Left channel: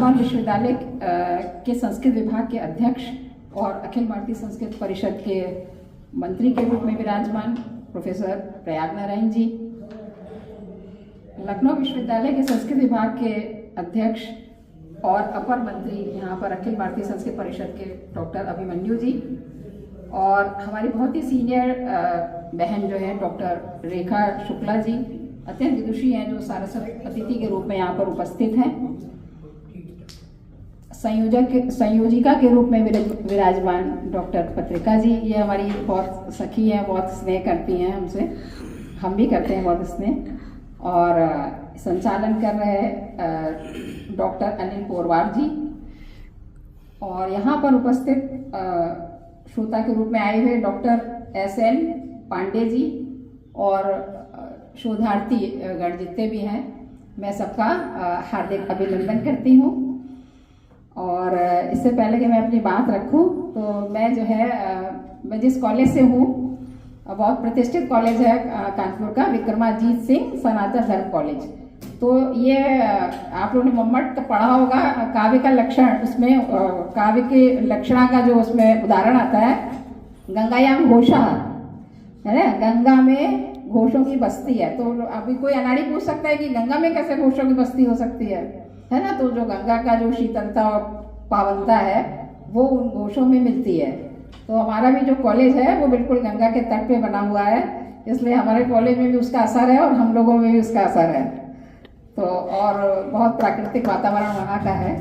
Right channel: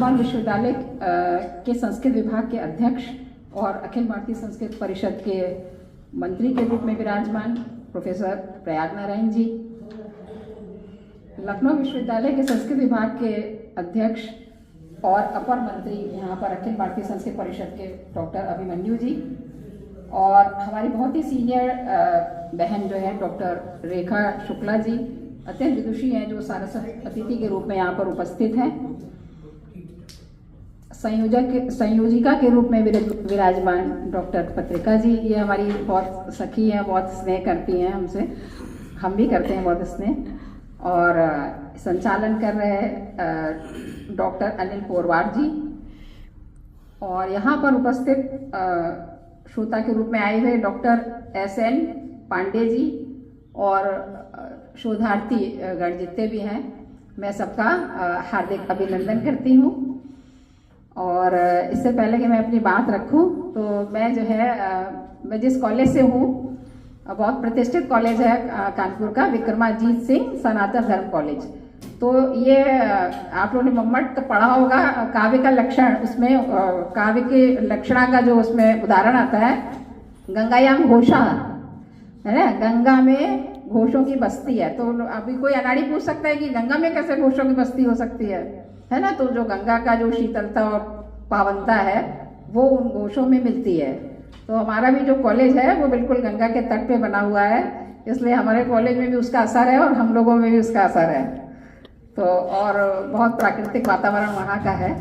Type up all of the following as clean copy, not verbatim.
इलाहाबाद विश्वविद्यालय के संस्कृत विभाग के अध्यक्ष और अखिल भारतीय संस्कृत परिषद के मंत्री के रूप में विराजमान प्रोफेसर प्रयाग नारायण जी, लखनऊ विश्वविद्यालय के संस्कृत विभाग के अध्यक्ष और अपर मंत्री यहाँ पर अखिल भारतीय संस्कृत परिषद के डॉक्टर अभिमन्यु जी, और हमारी बहुत ही सीनियर बहन जो है डॉक्टर रेखा शुक्ला जी, अत्यंत विदुषी हैं, जो सारस्वत अतिथि के रूप में यहाँ पर उपस्थित हैं। संयोजिका के रूप में विराजमान डॉक्टर पत्रिका जी, ये हमारी बहुत सखी हैं, बहुत स्नेह करती हैं हमसे, हम भी करते हैं बहुत स्नेह। और संचालन कर रहे डॉक्टर अनिल पोरवार जी, और यहाँ पर उपस्थित श्रोता के रूप में आए हुए डॉक्टर एस.एन. पांडे जी और शोधार्थी गण जितने भी हैं, मैं सबका हार्दिक अभिनंदन करती हूँ। और इससे पहले कि मैं अपनी बात रखूँ, तो मैं जो है मैं जिस कॉलेज से हूँ, बहुत प्रतिष्ठित कॉलेज है कानपुर का, विक्रमाजीत सिंह सनातन धर्म कॉलेज। तो ये आप लोगों ने मम्मट पढ़ा होगा, काव्य का लक्षण, उसमें काव्य के लक्षणा का जो उसमें उदाहरण आता है, गंगायाम घोषा है ना, गंगा में घोषों की बस्ती है। तो अभी कोई अनाड़ी पूछ सकता है कि गंगा में कैसे घोषों की बस्ती हो सकती है ना। तो जो गंगा का जो शीतलता और पावनता है वो उन घोषों में मिलती है। तो हमारा भी जो कॉलेज है वो बिल्कुल गंगा के तट पे बना हुआ है, इसलिए हमारे कॉलेज में भी उसका असर है और हम लोगों में भी उसका असर है। तो और बहुत प्राकृतिक वातावरण वहाँ का है,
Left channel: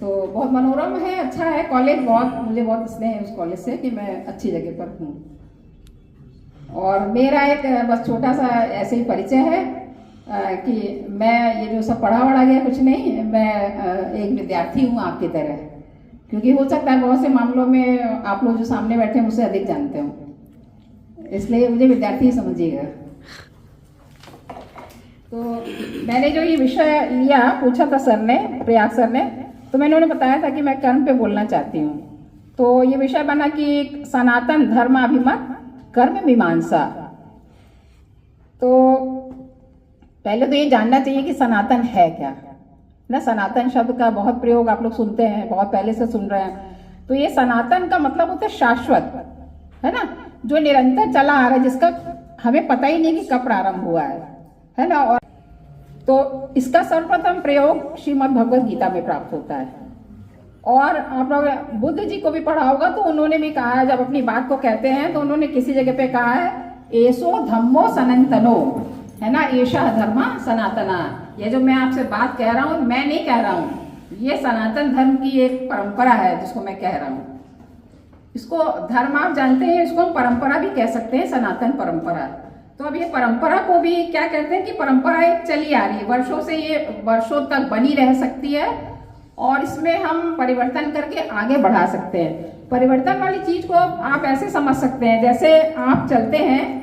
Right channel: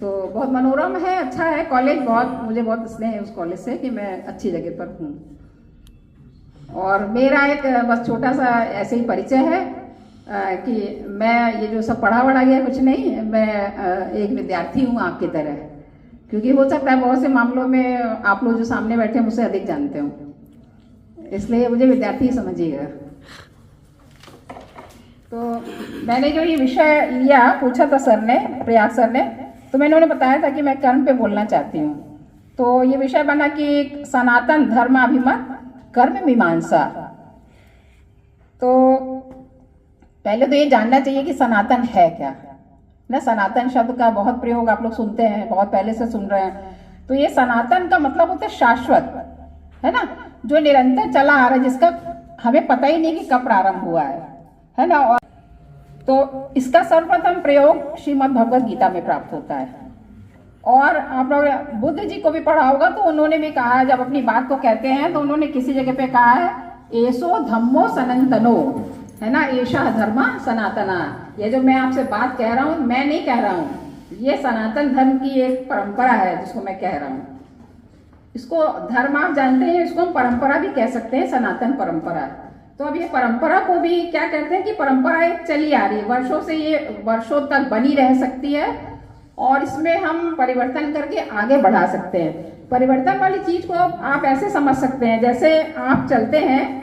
तो बहुत मनोरम है, अच्छा है कॉलेज, बहुत मुझे बहुत स्नेह है उस कॉलेज से कि मैं अच्छी जगह पर हूँ। और मेरा एक बस छोटा सा ऐसे ही परिचय है कि मैं ये जो सब पढ़ा वढ़ा गया कुछ नहीं, मैं एक विद्यार्थी हूँ आपकी तरह, क्योंकि हो सकता है बहुत से मामलों में आप लोग जो सामने बैठे हैं मुझसे अधिक जानते हो, इसलिए मुझे विद्यार्थी समझिएगा। तो मैंने जो ये विषय लिया, पूछा था सर ने, प्रयाग सर ने, तो मैंने उन्हें बताया था कि मैं कर्म पे बोलना चाहती हूँ। तो ये विषय बना कि सनातन धर्माभिमत कर्म मीमांसा। तो पहले तो ये जानना चाहिए कि सनातन है क्या ना। सनातन शब्द का बहुत प्रयोग आप लोग सुनते हैं, बहुत पहले से सुन रहे हैं। तो ये सनातन का मतलब होता है शाश्वत, है ना, जो निरंतर चला आ रहा है, जिसका हमें पता ही नहीं कि कब प्रारंभ हुआ है ना। और तो इसका सर्वप्रथम प्रयोग श्रीमद् भगवद गीता में प्राप्त होता है। और आप लोग बुद्ध जी को भी पढ़ा होगा, तो उन्होंने भी कहा है, जब अपनी बात को कहते हैं तो उन्होंने किसी जगह पे कहा है, एसो धम्मो सनातनो, है ना, एषा धर्मा सनातना। ये जो मैं आपसे बात कह रहा हूँ, मैं नहीं कह रहा हूँ, ये सनातन धर्म की एक परंपरा है जिसको मैं कह रहा हूँ। इसको धर्म आप जानते हैं, इसको हम परंपरा भी कह सकते हैं, सनातन परंपरा। तो अब ये परंपरा को भी क्या कहते हैं कि परंपरा एक चली आ रही है, वर्षों से ये वर्षों तक बनी रह सकती है, और इसमें हम परिवर्तन करके आगे बढ़ा सकते हैं। परिवर्तन वाली चीज को आप ऐसे समझ सकते हैं, जैसे आप चलते हैं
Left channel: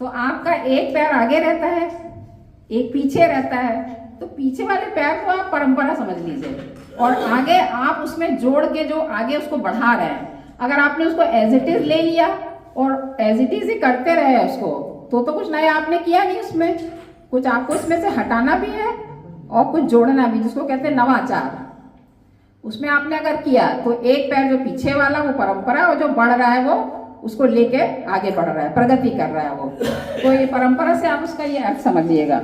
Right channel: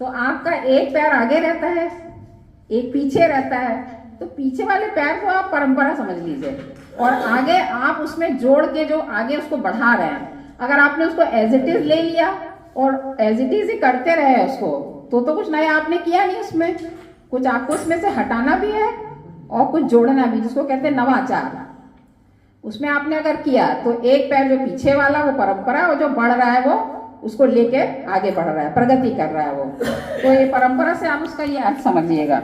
तो आपका एक पैर आगे रहता है, एक पीछे रहता है, तो पीछे वाले पैर को आप परंपरा समझ लीजिए, और आगे आप उसमें जोड़ के जो आगे उसको बढ़ा रहे हैं। अगर आपने उसको एज इट इज ले लिया और एज इट इज ही करते रहे उसको, तो कुछ नया आपने किया नहीं, उसमें कुछ आपको उसमें से हटाना भी है और कुछ जोड़ना भी, जिसको कहते हैं नवाचार। उसमें आपने अगर किया तो एक पैर जो पीछे वाला वो परंपरा, और जो बढ़ रहा है वो उसको लेके आगे बढ़ रहा है, प्रगति कर रहा है वो। तो ये परंपरा से आप उसका ये अर्थ समझिएगा।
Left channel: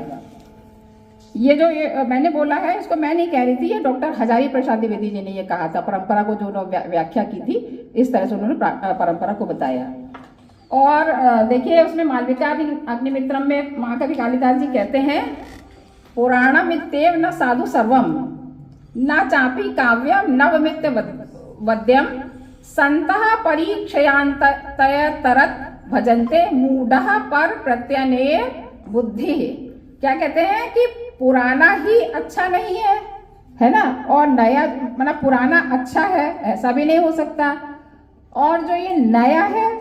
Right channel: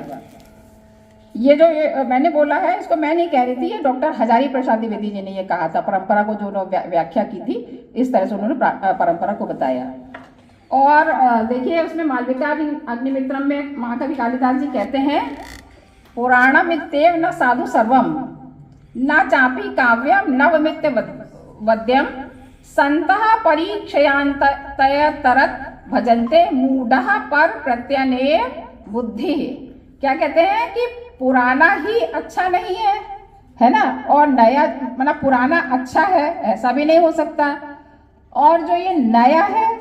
ये जो मैंने बोला है, इसको मैं नहीं कह रही थी, ये डॉक्टर हजारी प्रसाद द्विवेदी जी ने ये कहा था। परंपरा को जो व्याख्या की थी, इस तरह से उन्होंने परंपरा को बताया। और देखिए उसमें मालविका अग्निमित्रम में महाकवि कालिदास जी कहते हैं, पुराणम इत्येव न साधु सर्वम न चापी काव्यम नवमित्य वद्यम संतः परीक्षयांतय तरत भजन्ते मूढ़ः पर प्रत्यनेय बुद्धि। क्या कहते हैं कि पुराना ही अच्छा नहीं है ना, और नया मतलब पुराना अच्छा है ऐसा भी नहीं हो सकता, और जो ये नया है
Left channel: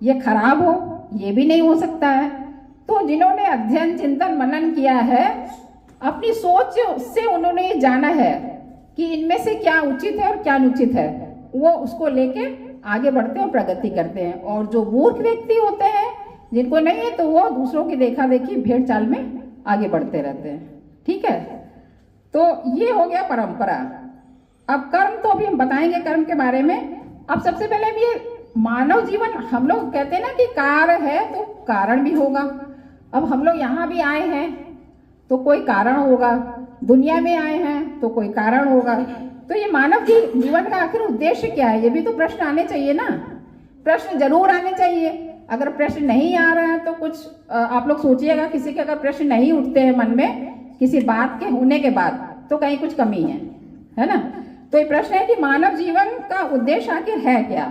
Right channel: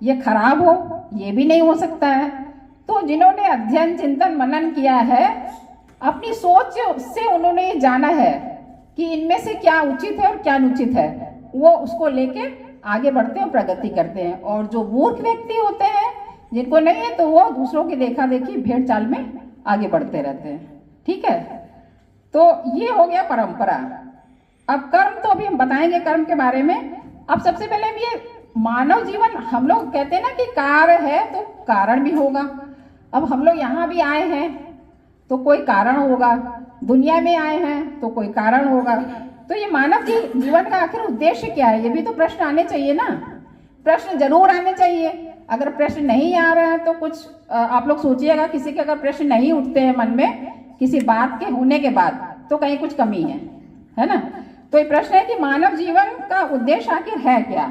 ये खराब हो ये भी नहीं हो सकता है। तो जिन्होंने अध्ययन चिंतन मनन किया है, अपनी सोच से उन्होंने ये जाना है कि इनमें से क्या उचित है और क्या अनुचित है, वो उसको लेके आगे बढ़ते हैं, प्रगति करते हैं। और जो मूर्ख व्यक्ति होते हैं, जिनको नहीं है, तो वो दूसरों की देखा देखी भेड़ चाल में आगे बढ़ते रहते हैं। ठीक है, तो ये हो गया परंपरा। अब कर्म तो अभी हम बताएंगे कर्म के बारे में। अब सबसे पहले ये मानव जीवन, हम लोग कहते हैं ना कि कार्य है तो कारण भी होगा। अब हम लोग यहाँ भी आए हैं तो कोई कारण होगा, दुनिया में आए हैं तो कोई कारण होगा। तो ये मानव की जीवन का आखिर उद्देश्य क्या है, ये भी तो प्रश्न आने चाहिए ना। प्रश्न जरूर आने चाहिए। अगर प्रश्न नहीं आ रहा है तो कुछ आप लोग सोचिएगा, किसी के अगर प्रश्न नहीं उठते हैं मन में किसी बात के होने के बाद तो कहीं कुछ कमी है ना। तो ये प्रश्न है कि मानव जीवन का उद्देश्य आखिर है क्या।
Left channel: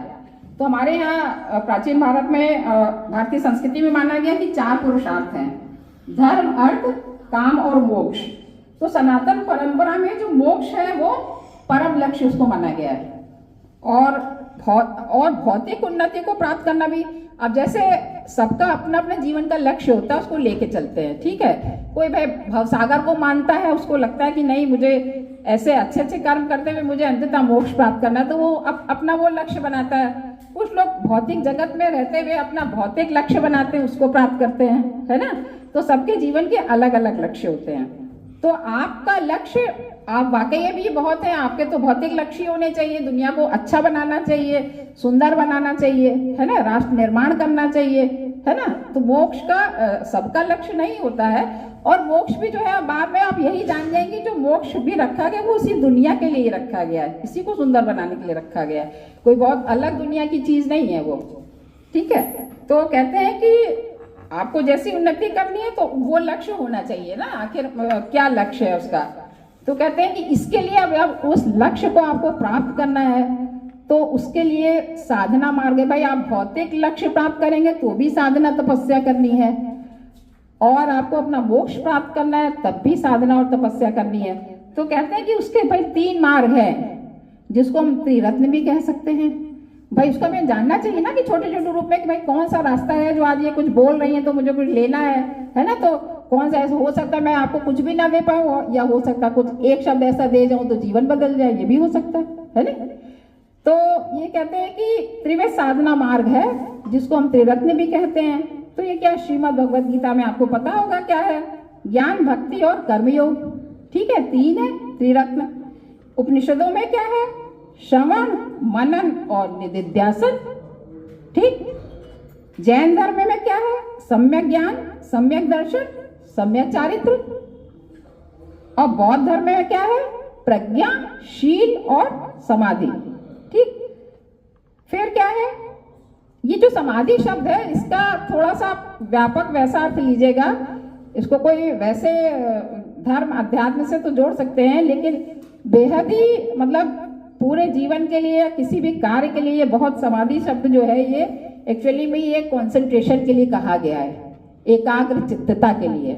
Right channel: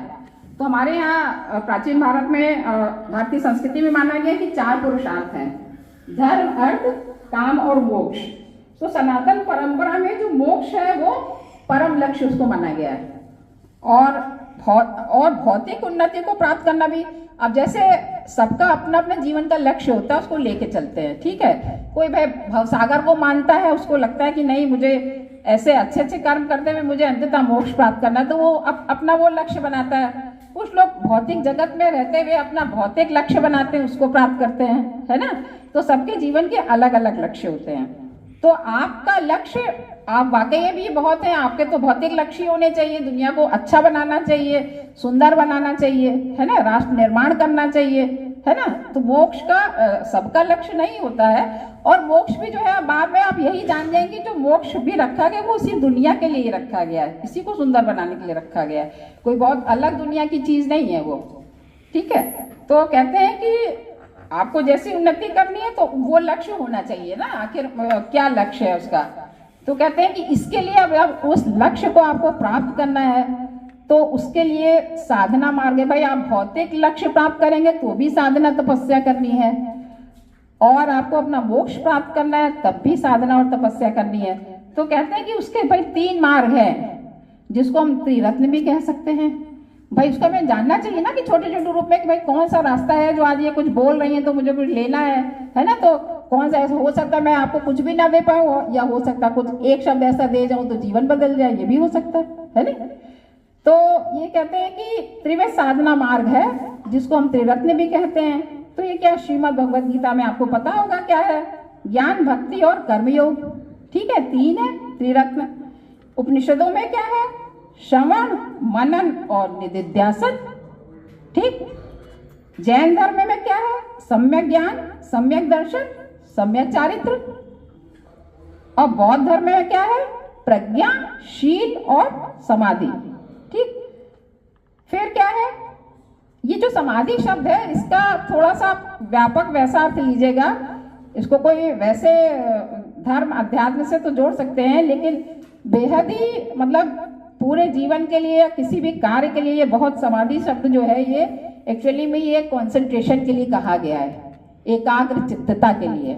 तो हमारे यहाँ प्राचीन भारत में, भारतीय संस्कृति में माना गया कि 4 पुरुषार्थ हैं, धर्म, अर्थ, काम और मोक्ष। तो सनातन परंपरा में जो मोक्ष है वो परम लक्ष्य उसको माना गया है। और भौतिक उन्नति को प्राप्त करना भी। अब जैसे सबका अपना अपना जीवन का लक्ष्य होता है, उसको लेके चलते हैं, ठीक है। कोई भाई भवसागर को मानता है, उसको लगता है कि नहीं मुझे ऐसे अच्छे अच्छे कर्म करते हुए मुझे अंततः मोक्ष प्राप्त करना, तो वो अपना वो लक्ष्य बनाता है। कुछ लोग भौतिक जगत में रहते हुए अपना भौतिक लक्ष्य बनाते हैं, उसको प्राप्त करते हैं, है ना। तो सबके जीवन के अलग अलग लक्ष्य होते हैं। तो आपका लक्ष्य, आप वाकई भी बहुत हैं, आपके तो भौतिक लक्ष्य होने चाहिए, दुनिया को अच्छा बनाना चाहिए, सुंदर बनाना चाहिए, है ना, राष्ट्र निर्माण करना चाहिए, है ना। तो मोक्ष का सबका लक्ष्य नहीं होता है। और मोक्ष भी जो है बाद में आप यही जान जाएंगे, जो मोक्ष भी रखा गया वो उसी दुनिया के लिए रखा गया है, इसी को सुंदर बनाने के लिए रखा गया है, कोई बहुत अलग दुनिया की चीज नहीं है वो, ठीक है। तो कहते हैं कि आपको जैसी उन्नति करनी है तो वो लक्ष्य होना चाहिए ना, आखिर क्या लक्ष्य है उसका। तो कहते हैं कि इसके लिए अब उस लक्ष्य को आपको प्राप्त करना है तो उसके लिए साधना मार्ग है। भाई आप भौतिक लक्ष्य प्राप्त करेंगे तो भी साधना तपस्या करनी है, और आपको अपना मोक्ष प्राप्त करना है तब भी साधना और तपस्या करनी है। तो कहते हैं कि उसके भाई 3 मार्ग है, जिसको हम त्रिरत्न भी कह सकते हैं। भाई उसका हमें जानना चाहिए ना कि छोटे छोटे रूप में कि भाई कौन सा रास्ता है जो आज ये कुछ बोल रही है तो मुझे कुछ लेना है ना। तो कौन सा, ऐसा हो सकता है मैं आपको कुछ भी ना दे पाऊँ, या हो सकता है कुछ एक शब्द ऐसा दे जाऊं तो जीवन बदल जाए, ये भी हो सकता है ना। तो ये कहते हैं कि त्रिविध साधना मार्ग है, जिसको हम त्रिरत्न भी कहते हैं। तो ये क्या, श्रीमद् भगवद गीता में आपको पता होगा क्या है, ज्ञान, भक्ति और कर्मयोग, ठीक है, 3 है त्रिरत्न। उपनिषदों में क्या है, श्रवण, मनन और निधिध्यासन, ठीक। जैन धर्म में क्या है, सम्यक ज्ञान, सम्यक दर्शन, सम्यक चारित्र। और बौद्ध धर्म में क्या है, प्रज्ञा, शील और समाधि, ठीक। फिर क्या है, ये जो समाधि शब्द है इसका थोड़ा सा व्यापक वैसा अर्थ लीजिएगा, इसको कोई वैसे धर्म अध्यात्म से तो जोड़ सकते हैं, लेकिन बेहद ही मतलब पूरे जीवन के लिए या किसी भी कार्य के लिए ये बहुत, समाधि शब्द जो है ये एक्चुअली में ये कंसंट्रेशन के लिए कहा गया है, एकाग्र चित्तता के लिए,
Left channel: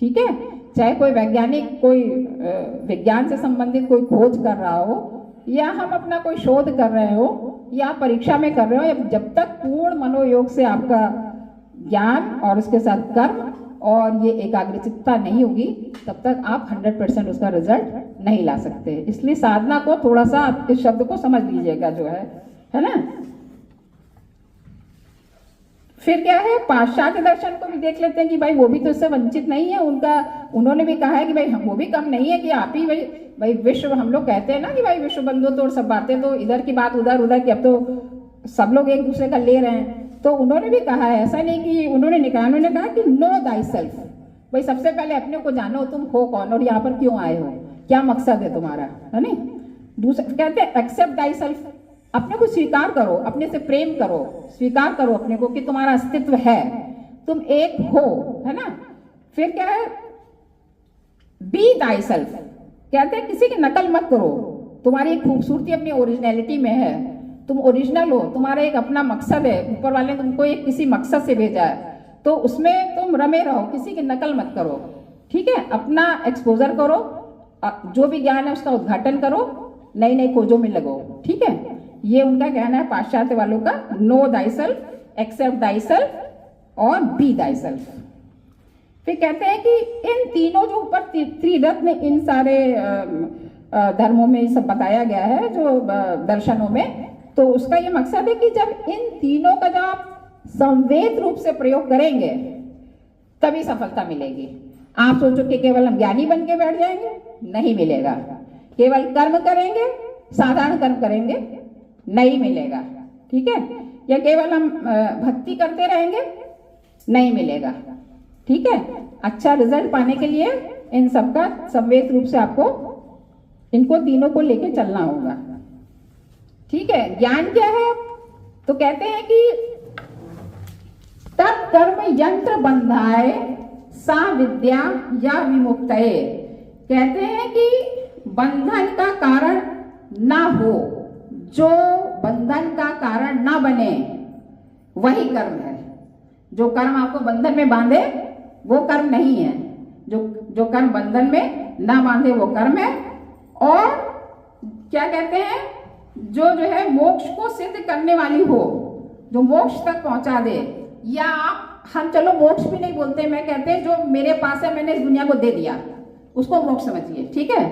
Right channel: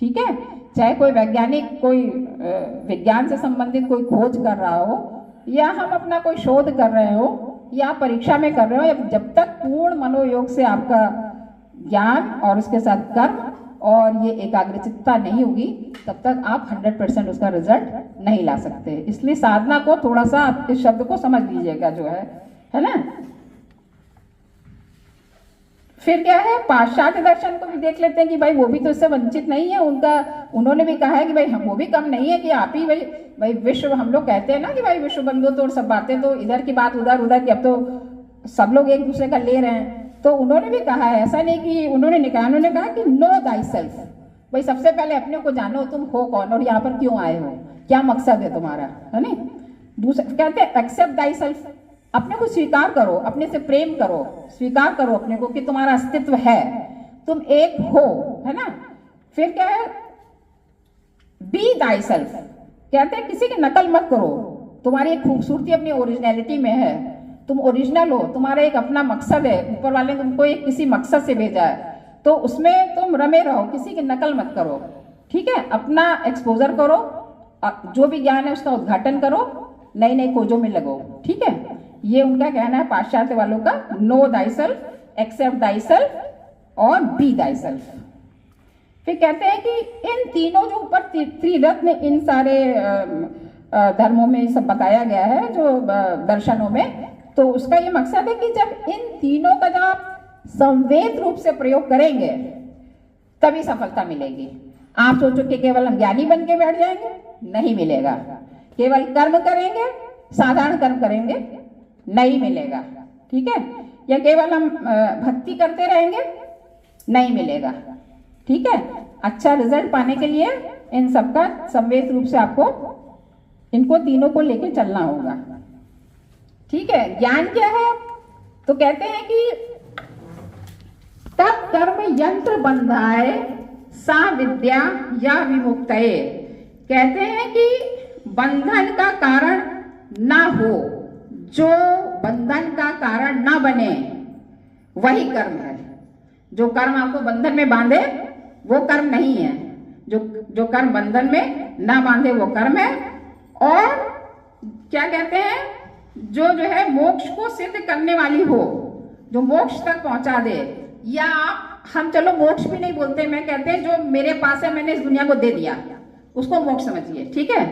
ठीक है। चाहे कोई वैज्ञानिक कोई विज्ञान से संबंधित कोई खोज कर रहा हो, या हम अपना कोई शोध कर रहे हो, या परीक्षा में कर रहे हो, जब तक पूर्ण मनोयोग से आपका ज्ञान और उसके साथ कर्म और ये एकाग्रचित्ता नहीं होगी तब तक आप 100% उसका रिजल्ट नहीं ला सकते। इसलिए साधना को थोड़ा सा आप इस शब्द को समझ लीजिएगा जो है ना। फिर क्या है, पाश्चात्य दर्शन को भी देख लेते हैं कि भाई वो भी तो इससे वंचित नहीं है, उन्होंने भी कहा है कि भाई हम वो भी कम नहीं है कि आप ही भाई विश्व, हम लोग कहते हैं ना कि भाई विश्व बंधु, तो सब बातें तो इधर की बात उधर की, अब तो सब लोग एक दूसरे का ले रहे हैं। तो उन्होंने भी कहा है, ऐसा नहीं कि उन्होंने कहा कि नो दाई सेल्फ, भाई सबसे पहले अपने को जानो तुम हो कौन और यहाँ पर क्यों आए हो, क्या मकसद है तुम्हारा, है ना। दूसरा कहते हैं एक्सेप्ट दाई सेल्फ, अपने को स्वीकार करो, अपने से प्रेम करो, स्वीकार करो अपने को कि तुम्हारा अस्तित्व है, तुम एक हो, है ना। फिर क्या है, बी दाई सेल्फ, कहते हैं किसी की नकल मत करो, तुम्हारी एक खूबसूरती अपनी ओरिजिनलिटी में है, तुम ओरिजिनल हो, तुम्हारा एक अपना मकसद है, ऊपर वाले ने तुमको एक किसी मकसद से भेजा है, तो उसमें तुम रमे रहो, किसी की नकल मत करो, ठीक है। अपना एक्सपोजर करो, जो भी ज्ञान है उसका उद्घाटन करो, नई नई खोजों में लगो, ठीक है। ये उनका कहना है पाश्चात्य वालों का, know thy self, accept thy self और बी दाई सेल्फ। फिर कहते हैं कि इन तीनों जो ऊपर त्रिरत्न इन सारे धर्मों में सब बताया गया है जो दर्शनों में, तो उसका ये मकसद है कि जब इन तीनों का जब आप संवेद रूप से प्रयोग करेंगे तभी सफलता मिलेगी। आप सोचो कि केवल हम ज्ञानी बन के बैठ जाएंगे, नहीं मिलेगा। केवल कर्म करेंगे, साधारण कर्म करेंगे, नहीं मिलेगा, ठीक है। या केवल हम भक्ति करते रहेंगे, नहीं मिलेगा, ठीक है। अच्छा रिजल्ट पाने के लिए इन सबका सम्मिलित रूप से आपको इनको तीनों को लेके चलना होगा, ठीक है। ज्ञान क्या है? तो कहते हैं कि तब कर्म यंत्र बंधाए सा विद्या या विमुक्तये। कहते हैं कि बंधन का कारण ना हो, जो बंधन का कारण ना बने वही कर्म है। जो कर्म आपको बंधन में बांधे वो कर्म नहीं है। जो कर्म बंधन में ना बांधे वो कर्म है। और क्या कहते हैं, जो है मोक्ष को सिद्ध करने वाली हो, जो मोक्ष तक पहुंचा दे, या हम चलो मोक्ष भी नहीं बोलते, मैं कहते हैं जो मेरे पास है मैंने इस दुनिया को दे दिया, उसको मोक्ष समझिए, ठीक है।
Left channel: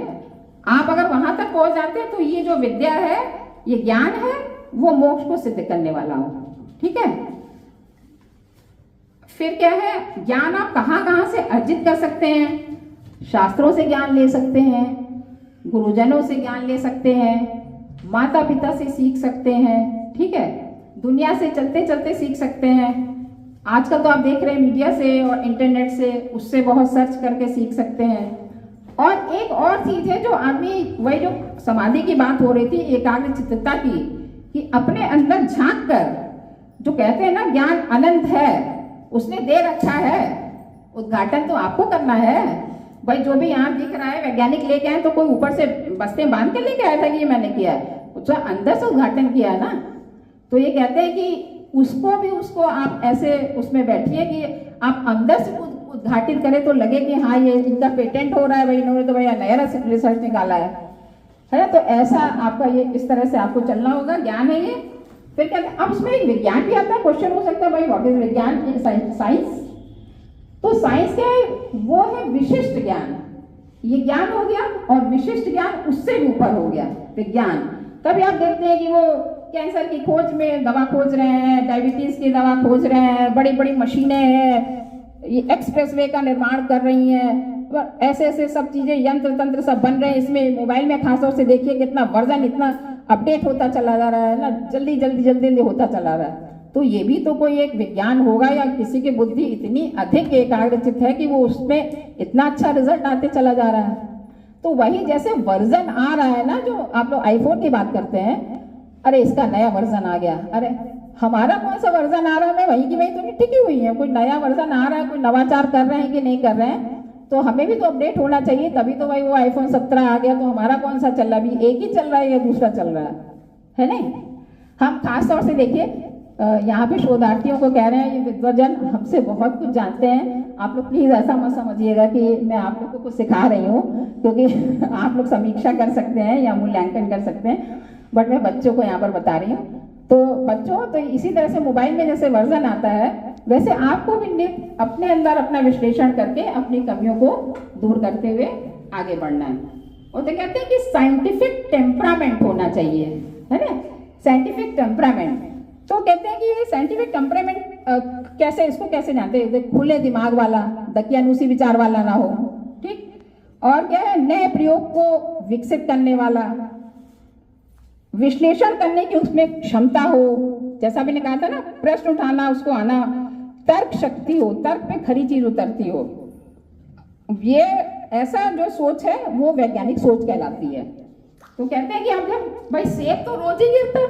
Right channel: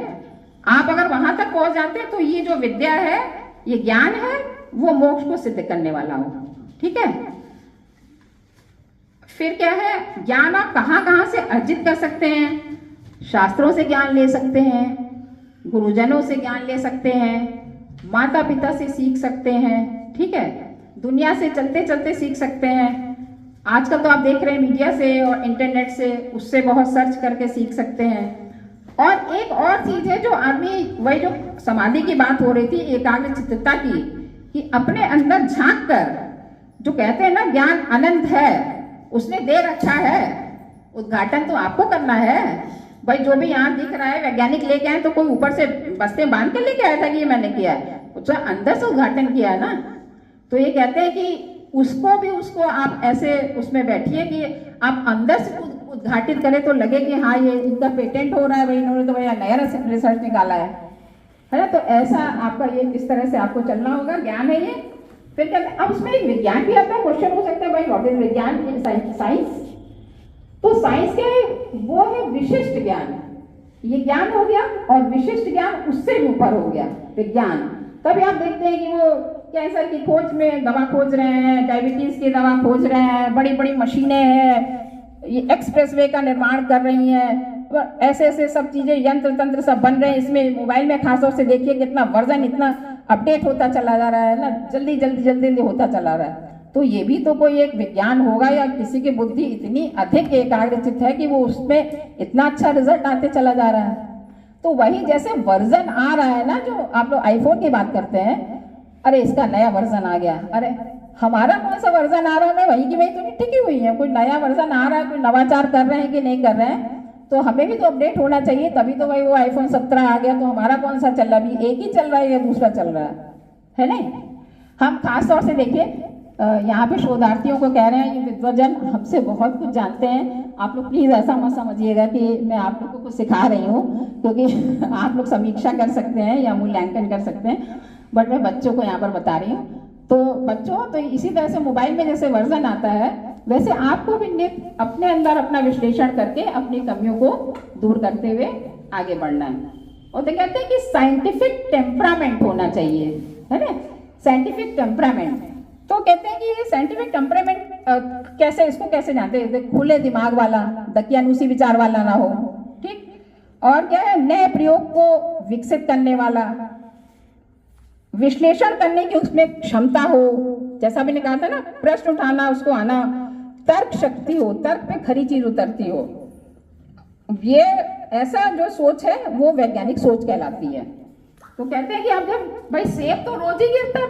आप अगर वहां तक पहुंच जाते हैं तो ये जो विद्या है, ये ज्ञान है, वो मोक्ष को सिद्ध करने वाला हो, ठीक है। फिर क्या है, ज्ञान आप कहाँ कहाँ से अर्जित कर सकते हैं? शास्त्रों से ज्ञान ले सकते हैं, गुरुजनों से ज्ञान ले सकते हैं, माता पिता से सीख सकते हैं, ठीक है। दुनिया से चलते चलते सीख सकते हैं। आजकल तो आप देख रहे हैं मीडिया से और इंटरनेट से, उससे बहुत सर्च करके सीख सकते हैं। और एक और चीज है जो आदमी, वही जो समाधि की बात हो रही थी, एकाग्र चित्तता की, कि अपने अंदर झांक कर, जो कहते हैं ना ज्ञान अनंत है, उसने दे रखा है, उद्घाटन तो आपको करना है भाई। जो भी यहाँ दिख रहा है वैज्ञानिक लेके आए, तो कोई ऊपर से बस्ते बांध के लेके आया था कि ये मैंने किया है, उसका अंदर से उद्घाटन किया है ना। तो ये कहते हैं कि उसको आप ऐसे उसमें बैठिए कि आप अंदर से उद्घाटित करें, तो लगे कि हाँ ये इनका पेटेंट हो रहा है भाई, इन्होंने तो भैया नया रिसर्च निकाला है ना। तो ऐसा आपका ये इस तरह से आपको चलना होगा, ज्ञान है ये। फिर कहते हैं अब उसमें एक विज्ञान भी आता है। क्वेश्चन हो सकता है भाई व्हाट इज विज्ञान, साइंस। तो साइंस क्या है? वो है विशिष्ट ज्ञान। ये ज्ञान हो गया, और विशिष्ट ज्ञान उससे भी ऊपर हो गया विज्ञान। तभी आप देखते हैं कि वो कैंसर की खोज में दवा खोज रहे हैं, डायबिटीज की दवा खोज रहे हैं, बड़ी बड़ी मशीनें हैं, ये एक्सप्रेसवे का निर्माण कर रही हैं, ऐसे ऐसे सब चीजें, यंत्र तंत्र सब बन रहे हैं। इसमें मोबाइल में खासतौर से देखिए कितना वर्जन इतना अपडेट होता चला जा रहा है ना, जल्दी जल्दी जल्दी जल्दी होता चला रहा है। तो ये भी तो कोई एक विज्ञान होगा, या किसी की बुद्धि इतनी अधिक एकाग्रचित है कि वो उसमें इतना अच्छा रिजल्ट आते चला जा रहा है। तो वही जैसे वर्जन आ रहा है ना, जो आप लोग आईफोन की बात करते हैं, अरे इसका नया वर्जन आ गया, अरे हमारा कौन सा वर्जन आ रहा है, वही की वही तो नहीं टिकी हुई है। कोई नया वर्जन आ रहा है, कोई नवाचार कर रहे हैं कि नहीं कर रहे हैं, तो हमें भी तो अपडेट होना चाहिए। तभी तो भाई वो आईफोन 17 आ गया, तो हमारा कौन सा चल रहा है? अभी एक ही चल रहा है या दूसरा चल रहा है नहीं। हम खास तौर से देखिए यहाँ पे शोधार्थियों को कह रहे हैं, ये विद्वजन हमसे बहुत कुछ जानते हैं। आप लोग प्लीज ऐसा मत समझिएगा कि मैं आप लोग को कुछ सिखा रही हूँ, क्योंकि आप लोग समीक्षा कर सकते हैं या मूल्यांकन कर सकते हैं, बट मैं बच्चों को यहाँ पर बता रही हूँ। तो बच्चों, तो इसी तरह से मोबाइल में जैसे वर्जन आता है, वैसे आपको भी अपने अंदर अपना विश्लेषण करके अपनी कमियों को दूर करते हुए आगे बढ़ना है। और तो कहते हैं कि साइंटिफिक टेम्परामेंट होना चाहिए, है ना, साइंटिफिक टेम्परामेंट। तो कहते हैं कि ये साइंटिफिक टेम्परामेंट कैसे, इसको कैसे जानते हैं? खुले दिमाग वाला, दकियानूसी विचार वाला ना हो, ठीक। और क्या है, नए प्रयोग को विकसित करने वाला, विश्लेषण करने की उसमें क्षमता हो, जैसा मैंने कहा था ना, प्रश्न उठाना, उसको आना, तर्क शक्ति हो, तर्क पे खरी चीज उतरती हो। ये ऐसा जो सोच है वो वैज्ञानिक सोच कहलाती है। तो कहते हैं कि आप जब भाई सेब तो रोज ही गिरता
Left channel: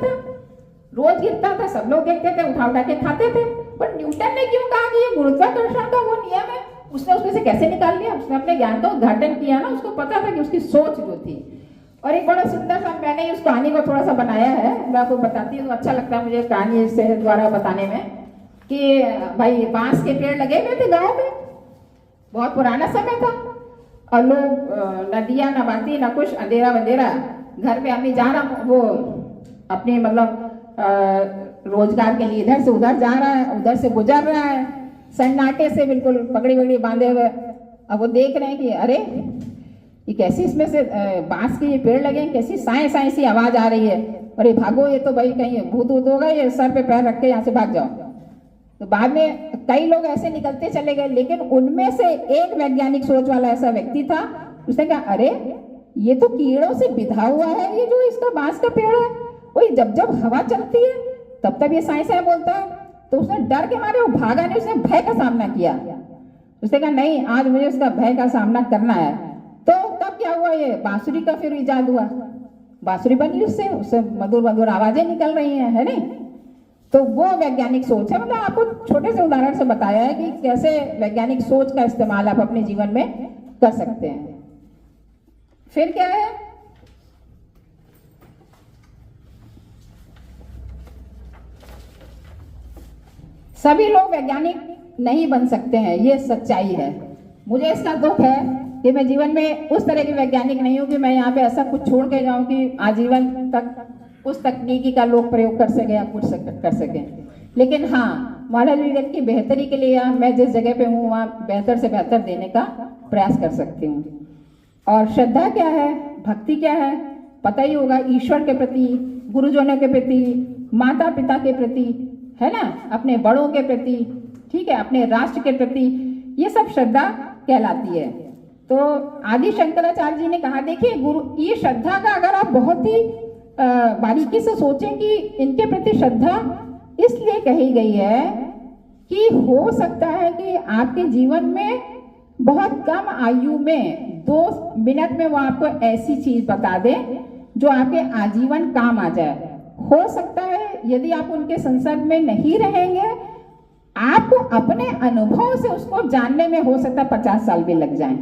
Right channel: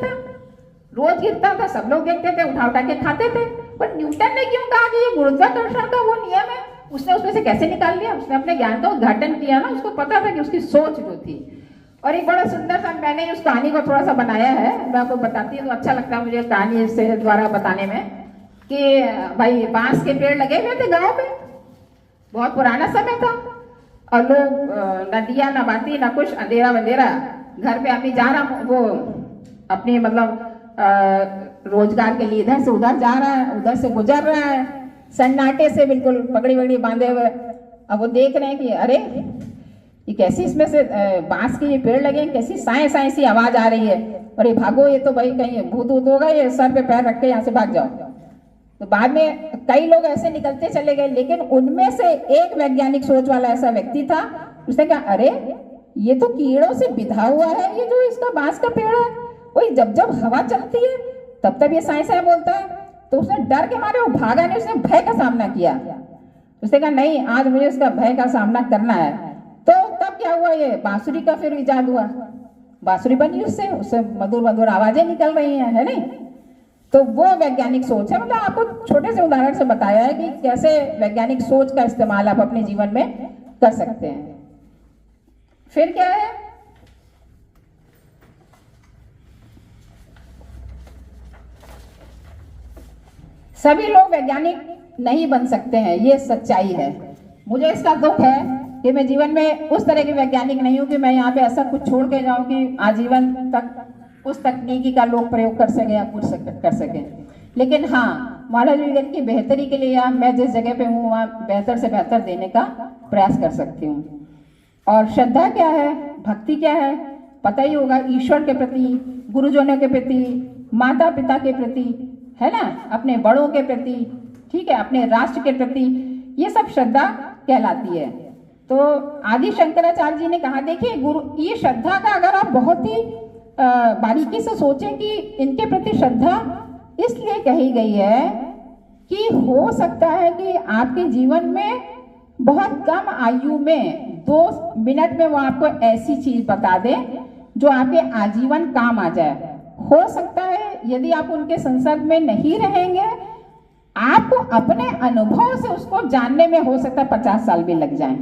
था, सब लोग देखते थे, उठा उठा के खाते थे, पर न्यूटन ने क्यों कहा कि ये गुरुत्वाकर्षण का वो नियम है? उसने उसमें से कैसे निकाल लिया? उसने अपने ज्ञान का उद्घाटन किया ना, उसको पता था कि उसकी सोच जो थी। और एक बड़ा सुंदर सा, मैंने उस कहानी को थोड़ा सा बनाया है, मैं आपको बताती हूँ, तो अच्छा लगता है मुझे कहानी से द्वारा बताने में, कि भाई बांस के पेड़ लगे हुए थे गाँव में, बहुत पुराना समय था, और लोग नदियाँ ना बहती ना कुछ, अंधेरा बंधेरा, घर पे आदमी जा रहा, वो अपने मतलब रोजगार के लिए इधर से उधर जा रहा है, उधर से गुजर रहा है, सन्नाटे से बिल्कुल पगड़ी वगड़ी बांधे हुए। अब वो देख रहे हैं कि अरे ये कैसी, इसमें से बांस के ये पेड़ लगे हैं, कैसी साए साए सी आवाज आ रही है, अरे भागो, ये तो भाई कहीं भूत वूत होगा, ये सर पे पैर रख के यहाँ से भाग जाओ। तो बाद में कई लोग ऐसे निकलते चले गए, लेकिन उनमें से एक वैज्ञानिक सोच वाला ऐसा व्यक्ति था, उसने कहा अरे ये तो कीड़ों से बिधा हुआ है, ये जो इसका बांस का पेड़ है, वही जब जब हवा चलती है तब तब ये साए साए बोलता है। तो उसने डर के मारे वो भागा नहीं, उसने भय का सामना किया। उसने कहा नहीं, आज मुझे इसका भय का सामना करना है। तो तब क्या हुआ, ये बांसुरी का फिर इजाद हुआ, बांसुरी बनी, उससे उससे मधुर मधुर आवाजें निकल रही हैं, है नहीं। तो वो वैज्ञानिक सोच है। मतलब आपको छोटे से उदाहरण से बताया है कि कैसे वैज्ञानिक सोच का इस्तेमाल आप अपने जीवन में कर सकते हैं। फिर क्या है, सभी लोग वैज्ञानिक नहीं बन सकते हैं, ये सच्चाई है। मुझे इसका दुख है कि मैं जीवन में उस तरह की वैज्ञानिक नहीं हूं कि मैं यहाँ पे ऐसा कुछ छोड़ के जाऊं कि आजीवन तक उस तकनीकी का लोग प्रयोग कर सके या कुछ कर सके। लेकिन हाँ, मानव जीवन की बेहतरी के लिए या मैं जिस जगह पे हूँ वहाँ बेहतर से बेहतर देने का प्रयास कर सकती हूँ। और श्रद्धा क्या है, भक्ति क्या है, पता ही होगा, ईश्वर के प्रति, गुरुजनों के प्रति, माता पिता के प्रति, है ना, अपने बड़ों के प्रति, ठीक है, अपने राष्ट्र के प्रति, ये सब श्रद्धा कहलाती है। तो आदि शंकराचार्य जी ने कहा, देखिए गुरु, ये श्रद्धा का अगर आप बहुत ही बारीकी से सोचें कि इनके प्रति श्रद्धा इसलिए कही गई है कि हो सकता है कि आपके जीवन में बहुत कम आयु में 2 मिनट में वो आपको ऐसी चीज बता दे जो आपके आजीवन काम आ जाए। हो सकता है यदि आप उनके संसर्ग में नहीं रहेंगे, आपको अपने अनुभव से उसको जानने में हो सकता है 50 साल भी लग जाए।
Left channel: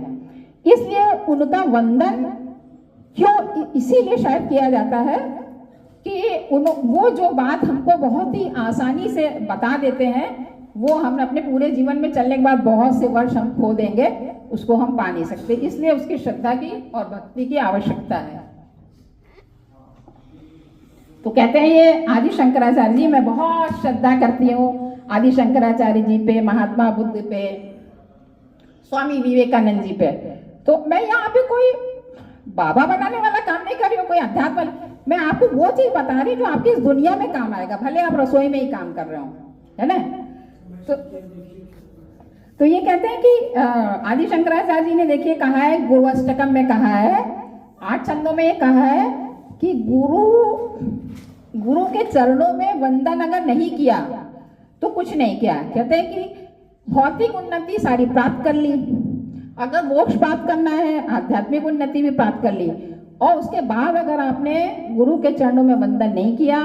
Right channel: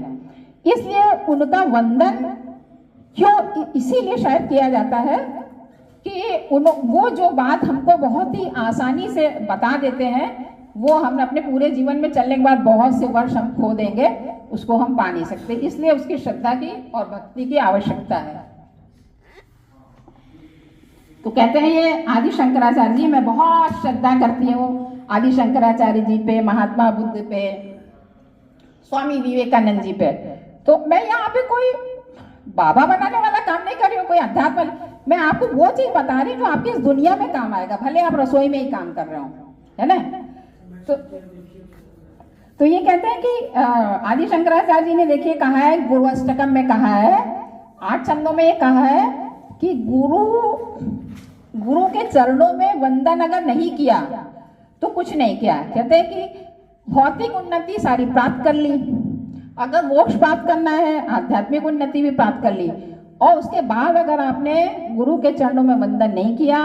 इसलिए उनका वंदन क्यों इसीलिए शायद किया जाता है कि वो जो बात हमको बहुत ही आसानी से बता देते हैं, वो हम अपने पूरे जीवन में चलने के बाद बहुत से वर्ष हम खो देंगे, उसको हम पा नहीं सकते। इसलिए उसकी श्रद्धा की और भक्ति की आवश्यकता है। तो कहते हैं ये आदि शंकराचार्य जी, मैं बहुत श्रद्धा करती हूँ आदि शंकराचार्य जी पे, महात्मा बुद्ध पे, स्वामी विवेकानंद जी पे। तो मैं यहाँ पे कोई बाबा बनाने वाला काम नहीं कर रही हूँ, कोई अध्यात्म, मैं आपको वो चीज बता रही हूँ जो आपकी इस दुनिया में काम आएगा, भले आप रसोई में ही काम कर रहे हो, है ना। तो ये कहते हैं कि आदि शंकराचार्य जी ने देखिए कहा है, गुरु अष्टकम में कहा है, 8 छंदों में ये कहा है कि गुरु के चरणों में वंदन अगर नहीं किया तो कुछ नहीं किया। कहते हैं कि भौतिक उन्नति सारी प्राप्त कर ली, अगर मोक्ष प्राप्त करना है, आध्यात्मिक उन्नति भी प्राप्त कर ली, और उसके बाद अगर आपने गुरु के चरणों में वंदन नहीं किया,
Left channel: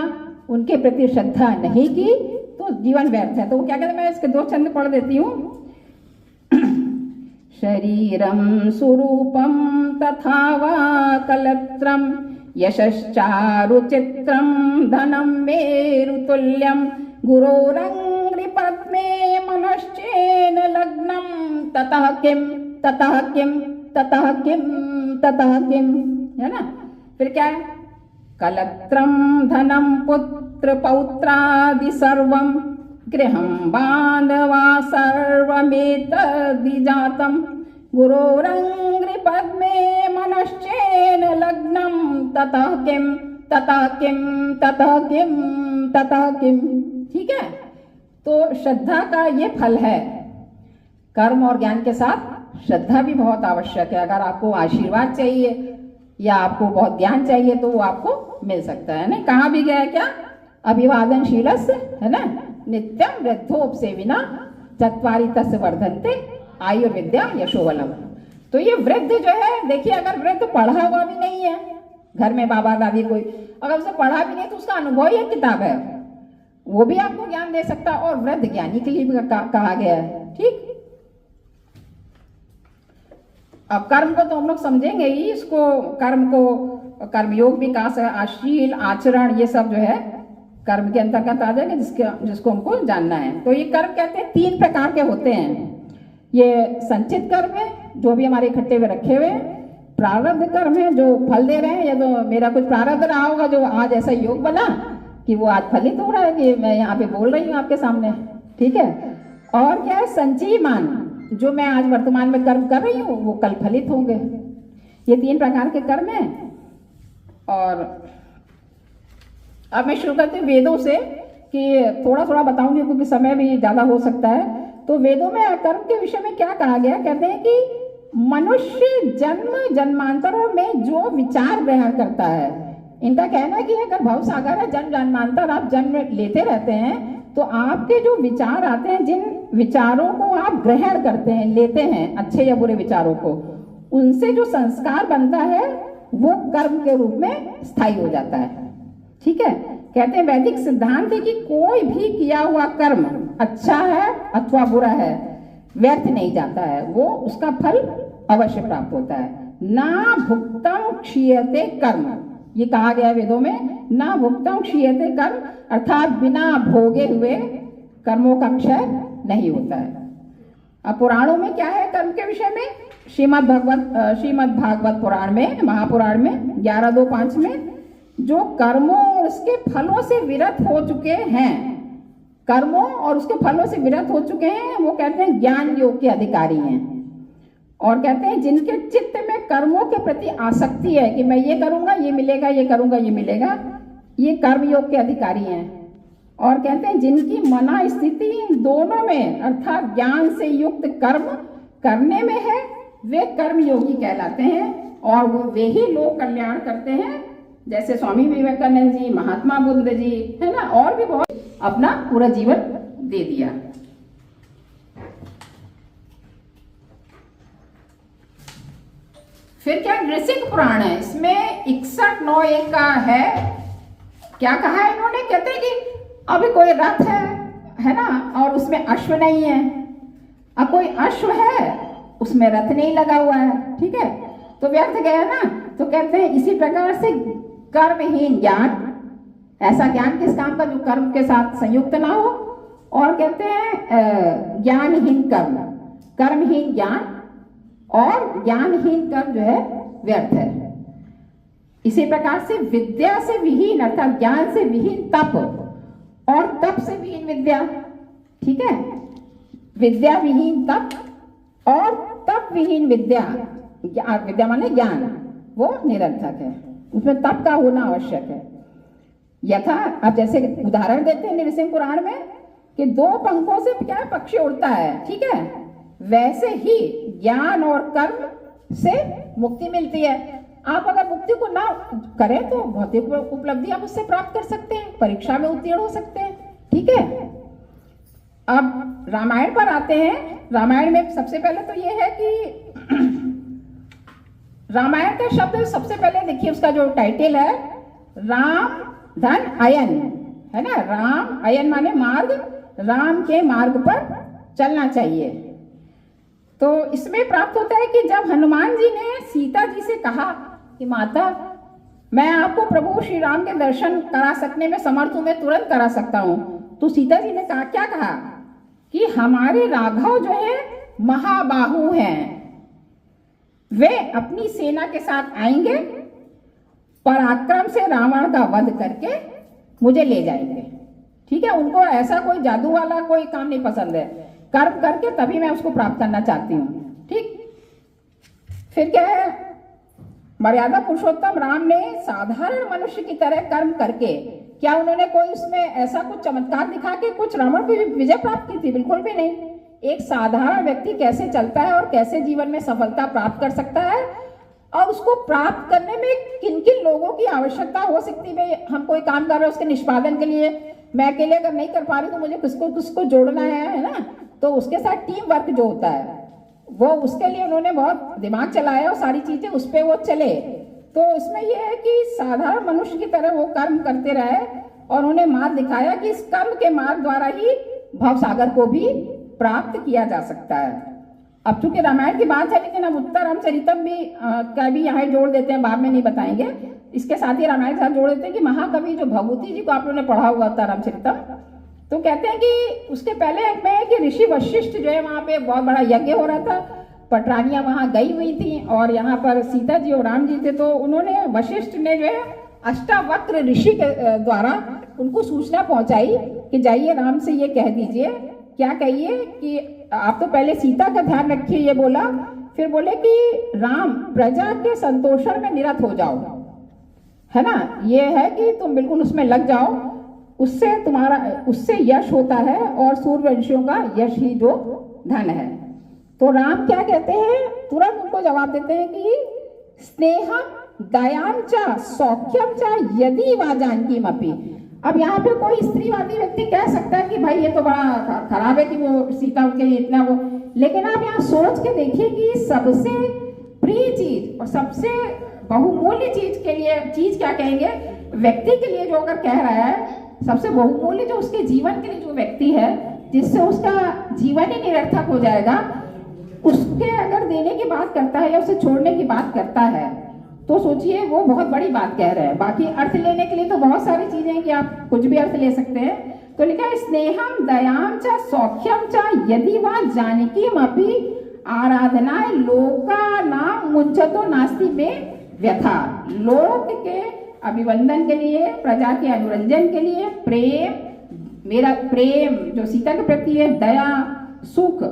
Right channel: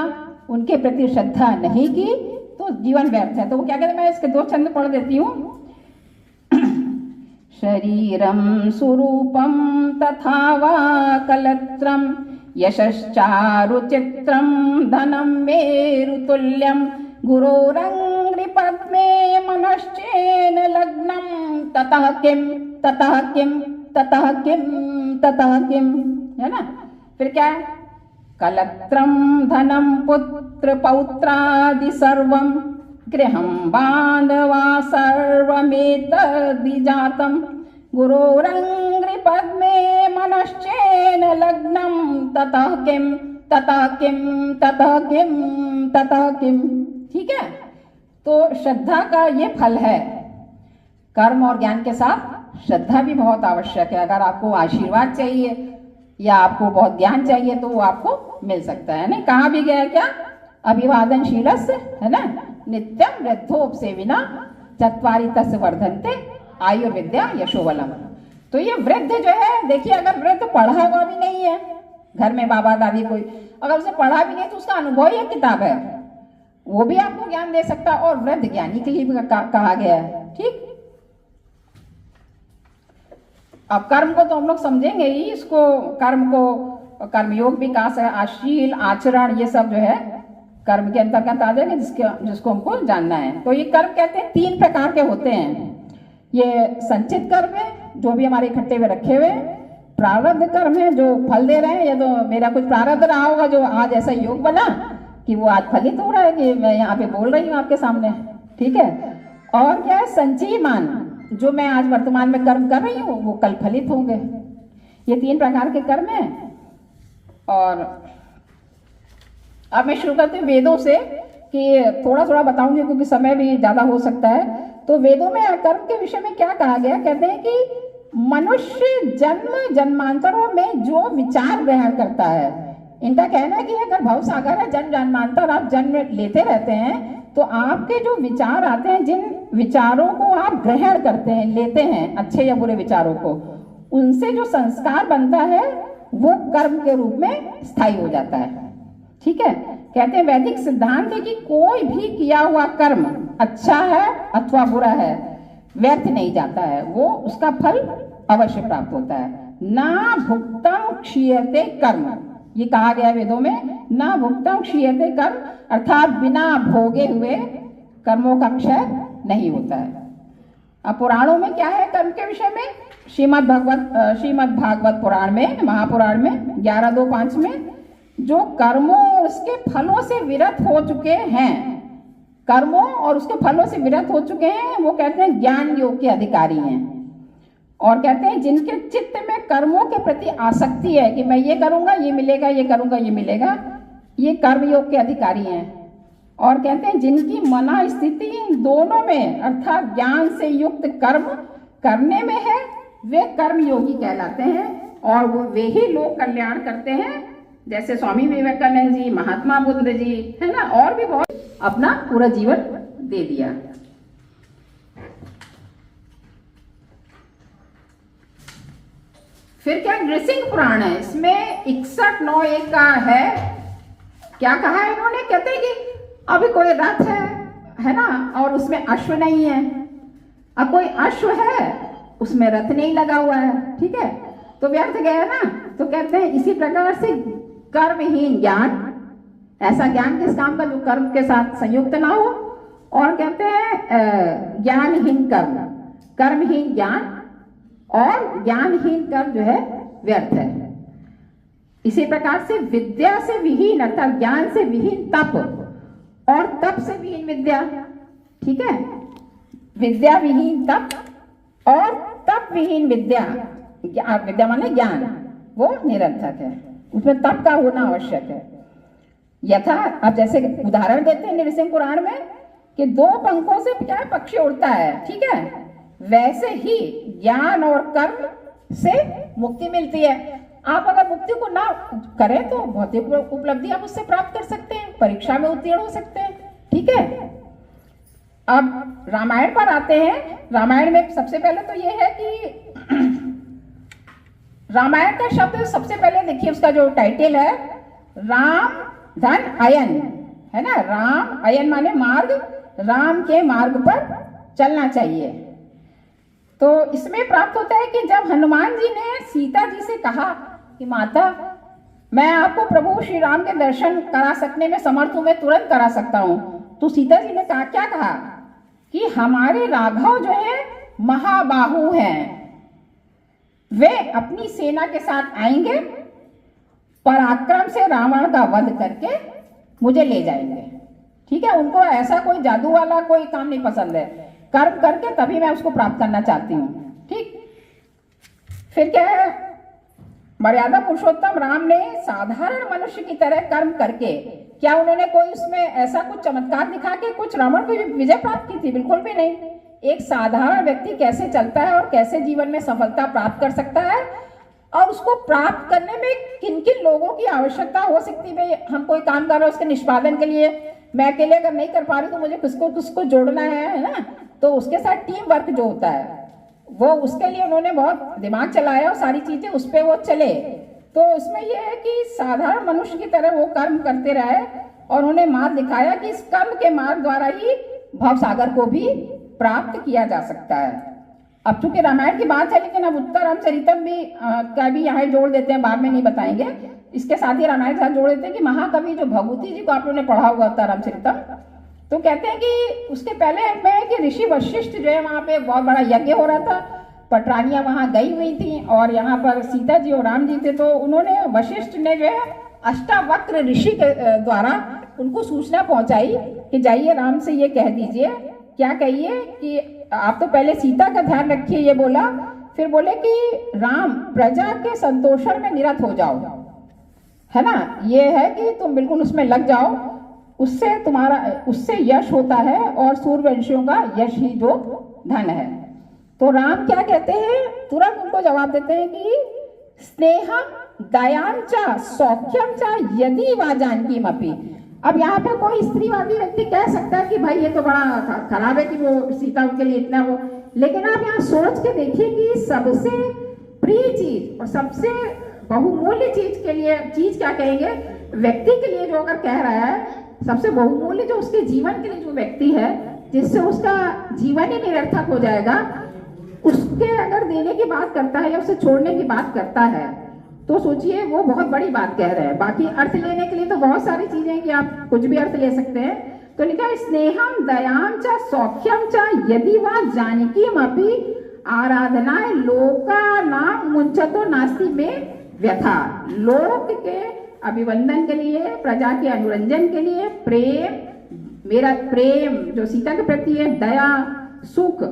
उनके प्रति श्रद्धा नहीं की, तो जीवन व्यर्थ है। तो वो क्या कहते हैं, मैं इसके 2 छंद पढ़ देती हूँ। शरीरम स्वरूपम तथा वा कलत्रम यशश्चारुचित्रम धनम मेरुतुल्यम गुरोरंग्रिपद्मे मनश्चेन लग्नम ततः किम ततः किम ततः किम ततः किम, है ना। फिर क्या है, कलत्रम धनम पुत्र पौत्रादि सर्वम गृहं बांधवा सर्वमेतद्विजातं गुरोरंग्रिपद्मे मनश्चेन लग्नं ततः किं ततः किं ततः किं ततः किं। ठीक है, तो श्रद्धा का ये फल है। कर्म और ज्ञान के साथ श्रद्धा भी बहुत आवश्यक है। अगर आपको आशीर्वाद चाहिए या आपको बहुत ज्ञान चाहिए तो वो आपको मिल सकता है ना। कहाँ भी गया क्या, अभिवादनशीलस्य, है ना, नित्यम वृद्धोपसेविना चत्वारि तस्य वर्धन्ते आयुर्विद्या यशोबलम। तो ये वृद्ध जो है, देखिए अगर वृद्ध पढ़ा हुआ भी नहीं है, घर में बाबा दादी कोई अगर उसे पढ़ा भी नहीं तो उसका अनुभव ही एक किताब है, वो भी आपको ज्ञान दे सकता है। और वृद्ध ज्ञानी के लिए भी कहा गया है। ठीक, अब कर्म को तो हम लोग समझेंगे ही, इसको कर्म को कर्मयोग भी कहा है, आशील आचरण ये सब जो है कर्म के अंतर्गत आ जाएगा, जिसको हमको जानना है। तो ये कर्म कहते हैं 3 प्रकार के होते हैं। ये संचित कर्म है जो भी हमारे इकट्ठे हुए रखे हुए, प्रारब्ध कर्म है जो फल दे रहे हैं, या तो मेरा कुछ प्रारब्ध रहा होगा जो आज ऐसा योग बना कि वो आज फलित हो रहा है कि मैं यहाँ पे बोल रही हूँ आपके सामने। ठीक है, और क्या है संचयमान, जो मैं आज वर्तमान में कर्म कर रही हूँ वो कल फलित होंगे। ये 3 प्रकार के कर्म हैं। और अब मैं शुरू करती हूँ वेदों से कि थोड़ा थोड़ा बताऊंगी क्योंकि समय भी ज़्यादा हो सकता है। तो वेदों में कर्म के विषय में क्या कहा गया, कहते हैं कि मनुष्य जन्म जन्मांतरों में जो विचार ग्रहण करता है, इनका कहना है कि अगर भव सागर है, जन्म जन्मांतर आप जन्म लेते रहते हैं, तो आपके जो विचार आते हैं, जिन विचारों को आप ग्रहण करते हैं, लेते हैं, अच्छे या बुरे विचारों को, उनसे जो संस्कार बनता है वो कर्म के रूप में स्थायी हो जाता है। ठीक है, कहते हैं वैदिक सिद्धांत है कि कोई भी किया हुआ कर्म अच्छा है अथवा बुरा है, व्यर्थ नहीं जाता है, वो उसका फल अवश्य प्राप्त होता है। ना भुक्तम क्षीयते कर्म, ये कहा गया वेदों में, ना भुक्तम क्षीयते कर्म, अर्थात बिना भोगे हुए कर्मों का क्षय नहीं होता है। अब पुराणों में क्या है कर्म के विषय में, श्रीमद् भागवत पुराण में, महापुराण में 11.2.5 में, जो कर्मों और उसके फलों से विरत हो चुके हैं, कर्मों और उसके फलों से विरत हो चुके हैं, वो कहते हैं ज्ञान योग के अधिकारी हैं। और कहते हैं जिनके चित्त में कर्मों के प्रति आसक्ति है कि मैं ये करूंगा ये मिलेगा, ये करूंगा ये मिलेगा, ये कर्म योग के अधिकारी हैं। और कहते हैं जिनकी मना स्थिति इन दोनों में अर्थात ज्ञान से युक्त कर्म करने में है, वे कर्म योगी कहलाते हैं। और वे ही लोग कल्याण करते हैं, जैसे स्वामी विवेकानंद जी, महात्मा बुद्ध जी, है ना, और भी बहुत अपना पूरा जीवन दे दिया। फिर क्या नृसिंह पुराण है, इसमें 61.9.1 का है। क्या कहा है इन्होंने, कहते हैं कि अभी कोई रथ है ना, और उसमें अश्व नहीं है। अब कोई अश्व है उसमें रथ नहीं लगा हुआ है, ठीक है, तो व्यर्थ गया ना। तो कहते हैं इसी प्रकार से कर्महीन ज्ञान, ऐसा ज्ञान किस काम का जो कर्म के साथ संयुक्त ना हो। और कहते हैं ज्ञानहीन कर्म, कर्महीन ज्ञान, और ज्ञानहीन कर्म जो है व्यर्थ है। इसी प्रकार से विद्या से विहीन अर्थात ज्ञान से विहीन तप, और तप से विहीन विद्या, ठीक है, विद्या विहीन तप और तप विहीन विद्या, विद्या माने ज्ञान, वो निरर्थक है, उसमें तप का होना आवश्यक है। यथा अब जैसे उदाहरण देते हैं नृसिंह पुराण में कि 2 पंखों से क्या पक्षी उड़ता है, ठीक है, वैसे ही ज्ञान और कर्म से मुक्ति मिलती है। आप अगर मुक्ति को ना करें तो भौतिक उपलब्धि आप उससे प्राप्त कर सकते हैं, परीक्षा में उत्तीर्ण हो सकते हैं, ठीक है। अब रामायण पर आते हैं। रामायण में सबसे पहले तो ये है कि रामायण का शब्द सबसे पहले देखिए, उसका जो टाइटल है राम धन अयन, है ना, राम अयन माने मार्ग, राम के मार्ग पर चलना चाहिए। तो इसमें प्राप्त होता है कि जब हनुमान जी ने सीता जी से कहा कि माता मैं आपको प्रभु श्री राम के दर्शन करा सकने में समर्थ हूं, मैं तुरंत करा सकता हूं, तो सीता जी ने कहा, क्या कहा कि हमारे राघव जो है महाबाहु हैं, वे अपनी सेना के साथ आएंगे, पराक्रम से रावण का वध करके मुझे ले जाएंगे, ठीक है। उनको ऐसा कोई जादू वाला कोई काम नहीं पसंद है, कर्म करके तभी मैं उसको प्राप्त करना चाहती हूँ, ठीक। फिर क्या है, मर्यादा पुरुषोत्तम राम ने साधारण मनुष्य की तरह कर्म करके, क्या उन्होंने कोई उसमें ऐसा कुछ चमत्कार दिखा के कुछ रावण को विजय प्राप्त की थी? बिल्कुल भी नहीं। एक साधारण व्यक्ति कैसे चलता है और कैसे जीवन में सफलता प्राप्त कर सकता है, और उसको प्राप्त करने में किन किन लोगों की आवश्यकता हो सकती है। हम कोई काम कर रहे हैं, उसके निष्पादन के लिए मैं अकेले अगर नहीं कर पा रही तो मुझे किसको जोड़ना है ना, तो उसके साथ टीम वर्क जो होता है वो, उसके लिए उन्होंने बहुत दिमाग चलाया और सारी चीजें उस पर वो चले। तो इसमें यह है कि साधारण मनुष्य की तरह वो कर्म करते रहे और उन्हें मार्ग दिखाया कि इस कर्म के मार्ग द्वारा ही भव सागर को भी प्राप्त किया जा सकता है। अब चूंकि रामायण की बात है, लेकिन अब उत्तर रामचरितम भी का भी यहाँ जोड़ देते हैं, बाद में नहीं बताएंगे। इसके साथ ही रामायण के साथ जोड़ देते हैं कि महाकवि जो भगवती जी को आप लोगों ने पढ़ा हुआ था रामचरितम, तो कहते हैं कि उसके पहले में कि ऋषि वशिष्ठ जो है वहाँ पे बहुत बड़ा यज्ञ हो रहा था, पटरानियां वहाँ गई हुई थी और यहाँ पर सीता जी और राम जी थे। तो उन्होंने वशिष्ठ ने जो है अष्टावक्र ऋषि के द्वारा उनको सूचना पहुंचाई कि जाइए राम से ये कह दीजिए, क्या कहिए कि आप तो पहले सीता का ध्यान रखिए, ये बोला। फिर बोले कि राम प्रजा के संतोषण में निरत हो जाओ, है ना, ये है कि तुम बिल्कुल उसमें लग जाओ उससे यश होता है और सूर्यवंशियों का यश ही जो धन है। तो राम क्या कहते हैं, तुरंत उनको जवाब देते हैं कि स्नेहम दयाम च सौख्यम च यदि वा जानकी मपी। अब यहाँ पे कोई स्त्रीवादी व्यक्ति कह सकता है कि भाई ये तो बड़ा खराब है कि वो सीता उनके लिए इतना वो, लेकिन आप यहाँ सोच के देखिए कि सबसे प्रिय चीज और सबसे बहुमूल्य चीज क्या कहेंगे, व्यक्ति के लिए जो अगर कह रहा है, सबसे बहुमूल्य जो उसके जीवन के लिए जो व्यक्ति है, जिससे उसका जीवन ही निरर्थक हो जाएगा, उसके अगर देने की बात करता है या उसे छोड़ने की बात करता है, तो सोचिए वो बहुत बड़ी बात कह रहे हैं। बाकी अर्थ लेने के लिए तो बहुत सारी चीजें हैं कि आप कुछ भी अर्थ ले सकते हैं। तो लिखा है स्नेहम दयाम च सौख्यम च यदि वा जानकी मपि आराधनाएं लोका नाम मुंचतो नास्ति में व्यथा। लोक के अभिवंदन के लिए, प्रजा के अनुरंजन के लिए प्रेम, मेरा प्रेम जो सीता के प्रति है, दया, सुख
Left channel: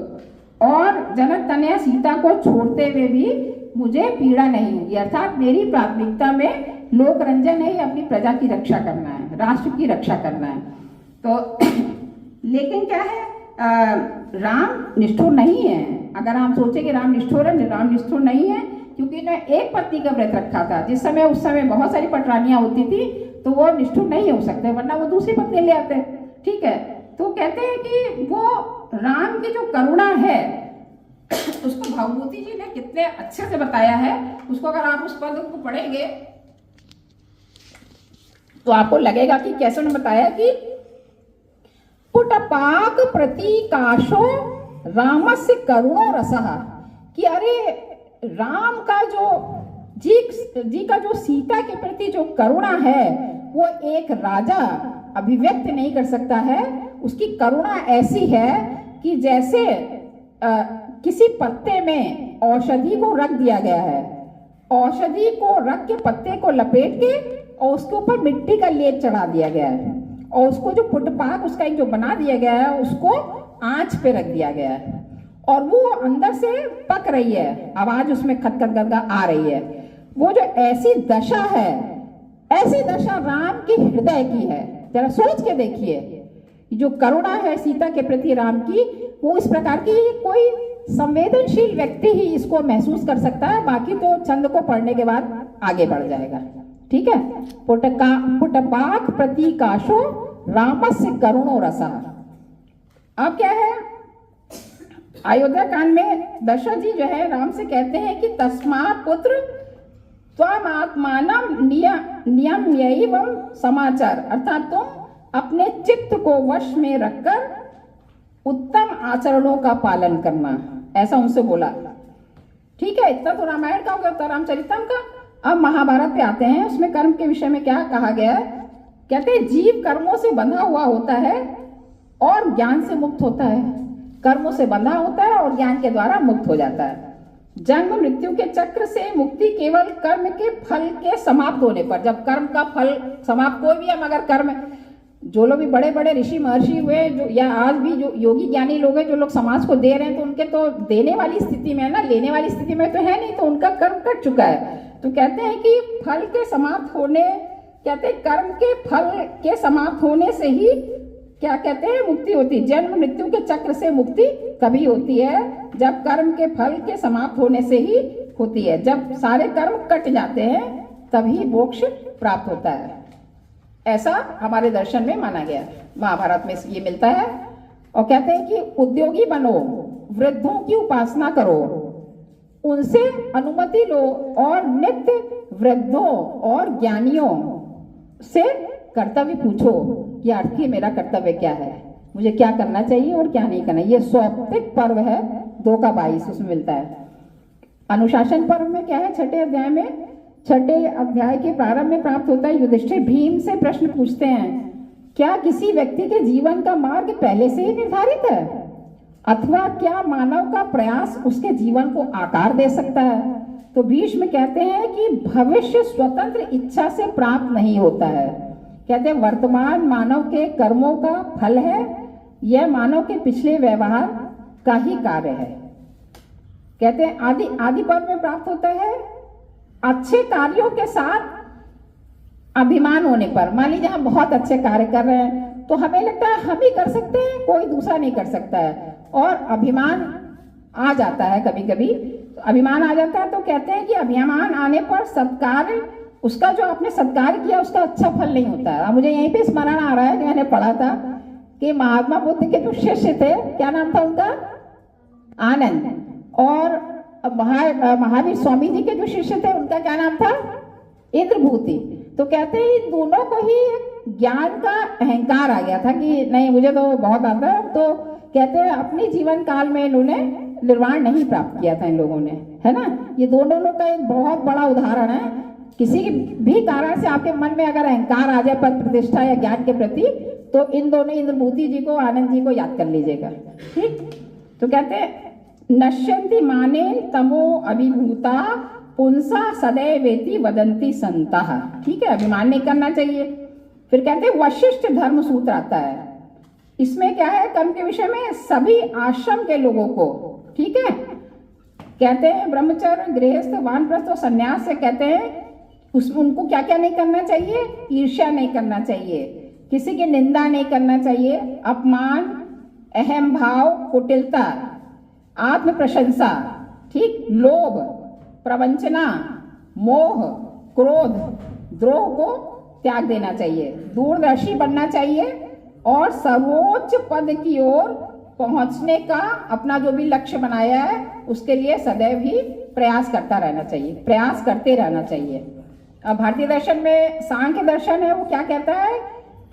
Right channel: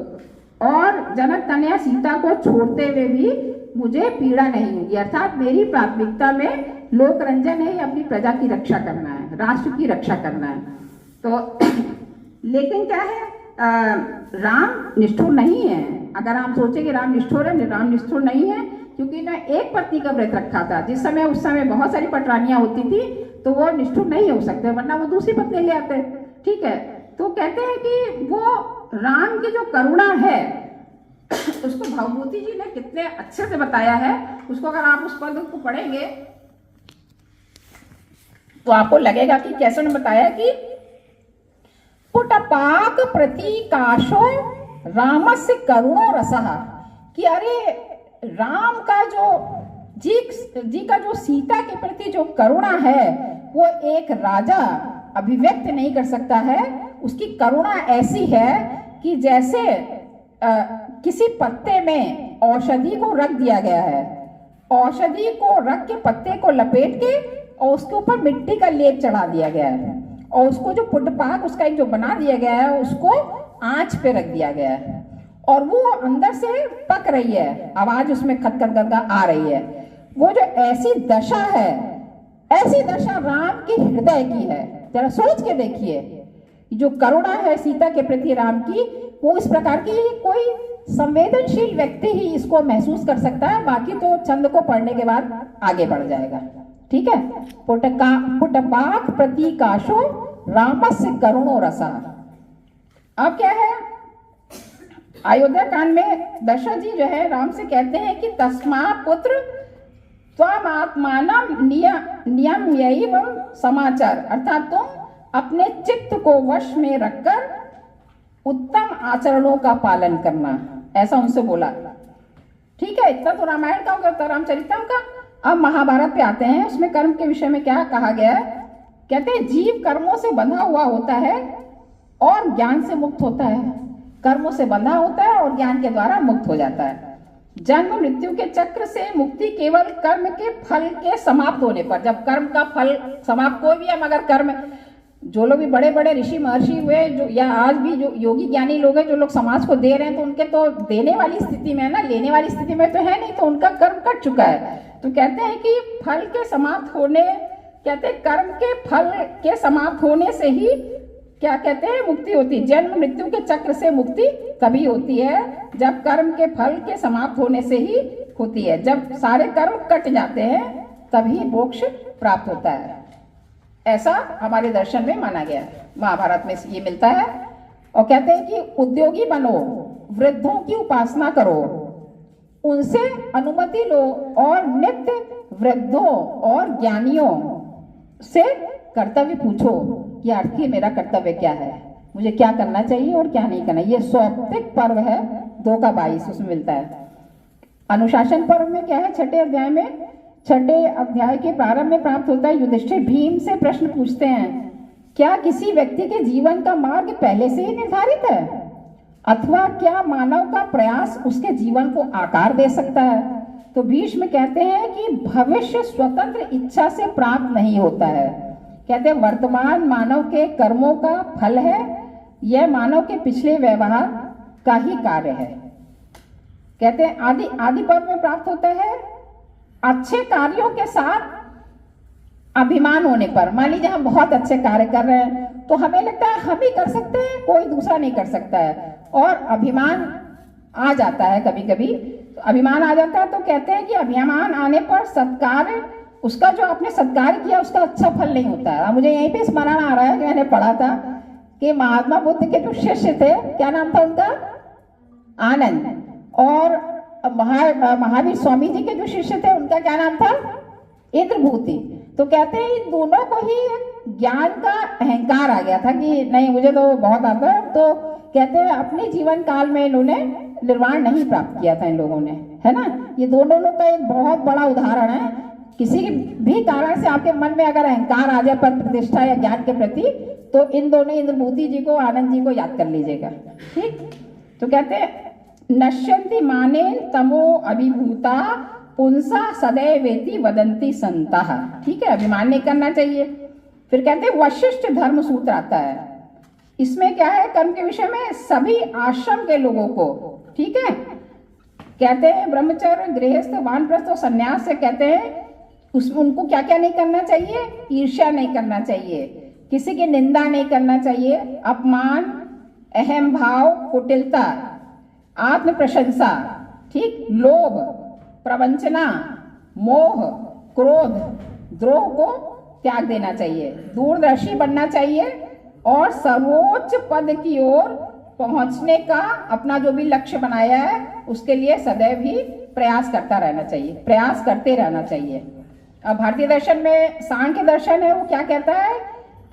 और जनक तनया सीता को छोड़ते हुए भी मुझे पीड़ा नहीं होगी। अर्थात मेरी प्राथमिकता में लोक रंजन है, अपनी प्रजा की रक्षा करना है, राष्ट्र की रक्षा करना है। तो लेकिन क्या है, राम निष्ठुर नहीं है। अगर हम सोचे कि राम निष्ठुर है, राम निष्ठुर नहीं है, क्योंकि ने एक पत्नी का व्रत रखा था। उस समय बहुत सारी पटरानियां होती थी, तो वो निष्ठुर नहीं हो सकते, वरना वो दूसरी पत्नी ले आते। ठीक है, तो कहते हैं कि वो राम की जो करुणा है उसको भवभूति जी ने कितने अच्छे से बताया है। उसको अगर आप उस पद को पढ़ेंगे तो आपको लगेगा कि कैसे उन्होंने बताया कि पुटपाक प्रतीकाशो रामस्य करुणो रसः, कि अरे राम का जो जी का जो सीता के प्रति जो करुणा है वो एक राजा अभिव्यक्त नहीं कर सकता है। उसकी करुणा ऐसी है कि जैसे किसी पत्ते में औषधि को रख दिया गया है, औषधि को रख के पत्ते को लपेट के और उसके ऊपर मिट्टी का लेप चढ़ा दिया गया है, और उसको जो पुटपाक उसका एक जो बना दिया गया है उसको आंच पे रख दिया गया है, और वो अंदर से पक रही है, आवाज उसमें खत खत खत आ रही है। वो जो ऐसी दशा है, ऐसी दशा राम की हृदय की है। जरा सोच के देखिए, जो करुणा है सीता के प्रति राम की, वो इस प्रकार की कोई संवेदनशील व्यक्ति ही इसको महसूस कर सकता है। बाकी तो छंद को पढ़ने के बाद आगे बढ़ जाएगा। ठीक है, पुटपाक प्रतीकाशो रामस्य करुणो रसा। अब क्या है, अयोध्या कांड में दशरथ जी जो है राम से कहते हैं कि तस्मा पुत्र त्वमात्मानं नियम्यैवं समाचार, अर्थात तुम अपने चित्त को वश में रखकर उत्तम आचरणों का पालन करना, ऐसा उनसे बोला। ठीक है, इतना तो रामायण का हो गया, तो रामचरितम का। अब महाभारत पे आते हैं, उसमें कर्म के विषय में क्या कहा गया है। कहते हैं जीव कर्मों से बंधा हुआ होता है और ज्ञान से मुक्त होता है। कर्मों से बंधा होता है और ज्ञान के द्वारा मुक्त हो जाता है। जन्म मृत्यु के चक्र से मुक्ति केवल कर्म के फल के समाप्त होने पर, जब कर्म का फल समाप्त, कोई भी हम अगर कर्म, जो लोग भी बड़े बड़े ऋषि महर्षि हुए, जो या आज भी जो योगी ज्ञानी लोग हैं, जो लोग समाज को दे रहे हैं, तो उनके तो देने वाली स्थिति में है ना, लेने वाली स्थिति में तो है नहीं, तो उनका कर्म कट चुका है। तो कहते हैं कि फल के समाप्त होने, कहते हैं कर्म के फल के समाप्त होने से ही क्या कहते हैं, मुक्ति होती है। जन्म मृत्यु के चक्र से मुक्ति तभी होती है जब कर्म के फल के समाप्त होने से ही होती है। जब सारे कर्म कट जाते हैं तभी मोक्ष प्राप्त होता है। ऐसा हमारे दर्शन में माना गया है, महाभारत में ये मिलता है। और कहते हैं कि उद्योगी बनो, वृद्धों की उपासना करो, उनसे अनुमति लो और नित्य वृद्धों और ज्ञानियों से कर्तव्य पूछो कि आखिर मेरा कर्तव्य क्या है, मुझे क्या करना चाहिए और क्या नहीं करना। ये सौप्तिक पर्व है 2:22 उसमें मिलता है। अनुशासन पर्व में क्या है, 6ठे अध्याय में, 6ठे अध्याय के प्रारंभ में प्राप्त होता है। युधिष्ठिर भीम से प्रश्न पूछते हैं, क्या किसी व्यक्ति के जीवन का मार्ग पहले से ही निर्धारित है, अथवा क्या मानव का प्रयास उसके जीवन को आकार दे सकता है। तो भीष्म कहते हैं कि भविष्य स्वतंत्र इच्छा से प्राप्त नहीं होता है। कहते हैं वर्तमान मानव के कर्मों का फल है, यह मानव के पिछले व्यवहार का ही कार्य है। कहते हैं आदि पर्व में प्राप्त होता है। अच्छे कार्यों के साथ अभिमान होने पर, मान लीजिए हम बहुत अच्छे कार्य कर रहे हैं तो हमें लगता है हम ही कर सकते हैं, कोई दूसरा नहीं कर सकता है, और अभिमान आ जाता है कभी कभी। अभिमान आ जाता है तो कहते हैं कि अभिमान आने पर सत्कार्य, उसका जो आपने सत्कार किया उसका अच्छा फल नहीं होता है। मुझे यहीं पे स्मरण आ रहा है कि मैंने पढ़ा था कि महात्मा बुद्ध के जो शिष्य थे, क्या नाम था उनका, आनंद, और महावीर स्वामी जी के जो शिष्य थे उनका क्या नाम था, इंद्रभूति। तो कहते हैं इन दोनों को ही ज्ञान का अहंकार आ गया था कि नहीं मुझे तो बहुत आता है, तो कहते हैं अपने जीवन काल में इन्होंने निर्वाण नहीं प्राप्त किया था इन लोगों ने, है ना। ये दोनों का एक बहुत बड़ा उदाहरण है। किसी भी कारण से आपके मन में अगर अहंकार आ जाए पर प्रतिष्ठा या ज्ञान के प्रति, तो इन दोनों इंद्रभूति जी को, आनंद जी को याद कर लीजिएगा, ठीक। तो कहते हैं नश्यन्ति मानेन तमो अभिभूता पुंसा सदैवेति वदंती संतः, ठीक है, अभिमान नहीं करना चाहिए। फिर कहते हैं वशिष्ठ धर्म सूत्र आता है, इसमें क्या है, कर्म के विषय में सभी आश्रम के लोगों को, ठीक है, कहते हैं ब्रह्मचर्य, गृहस्थ, वानप्रस्थ और संन्यास से कहते हैं उसमें उनको क्या क्या नहीं करना चाहिए, ईर्ष्या नहीं करना चाहिए, किसी की निंदा नहीं करना चाहिए, अपमान, अहम भाव, कुटिलता, आत्म प्रशंसा, ठीक, लोभ, प्रवंचना, मोह, क्रोध, द्रोह को त्याग देना चाहिए, दूरदर्शी बनना चाहिए और सर्वोच्च पद की ओर पहुंचने का अपना जो भी लक्ष्य बनाया है उसके लिए सदैव ही प्रयास करता रहना चाहिए, प्रयास करते रहना चाहिए। अब भारतीय दर्शन में सांख्य दर्शन है, वो क्या कहता है,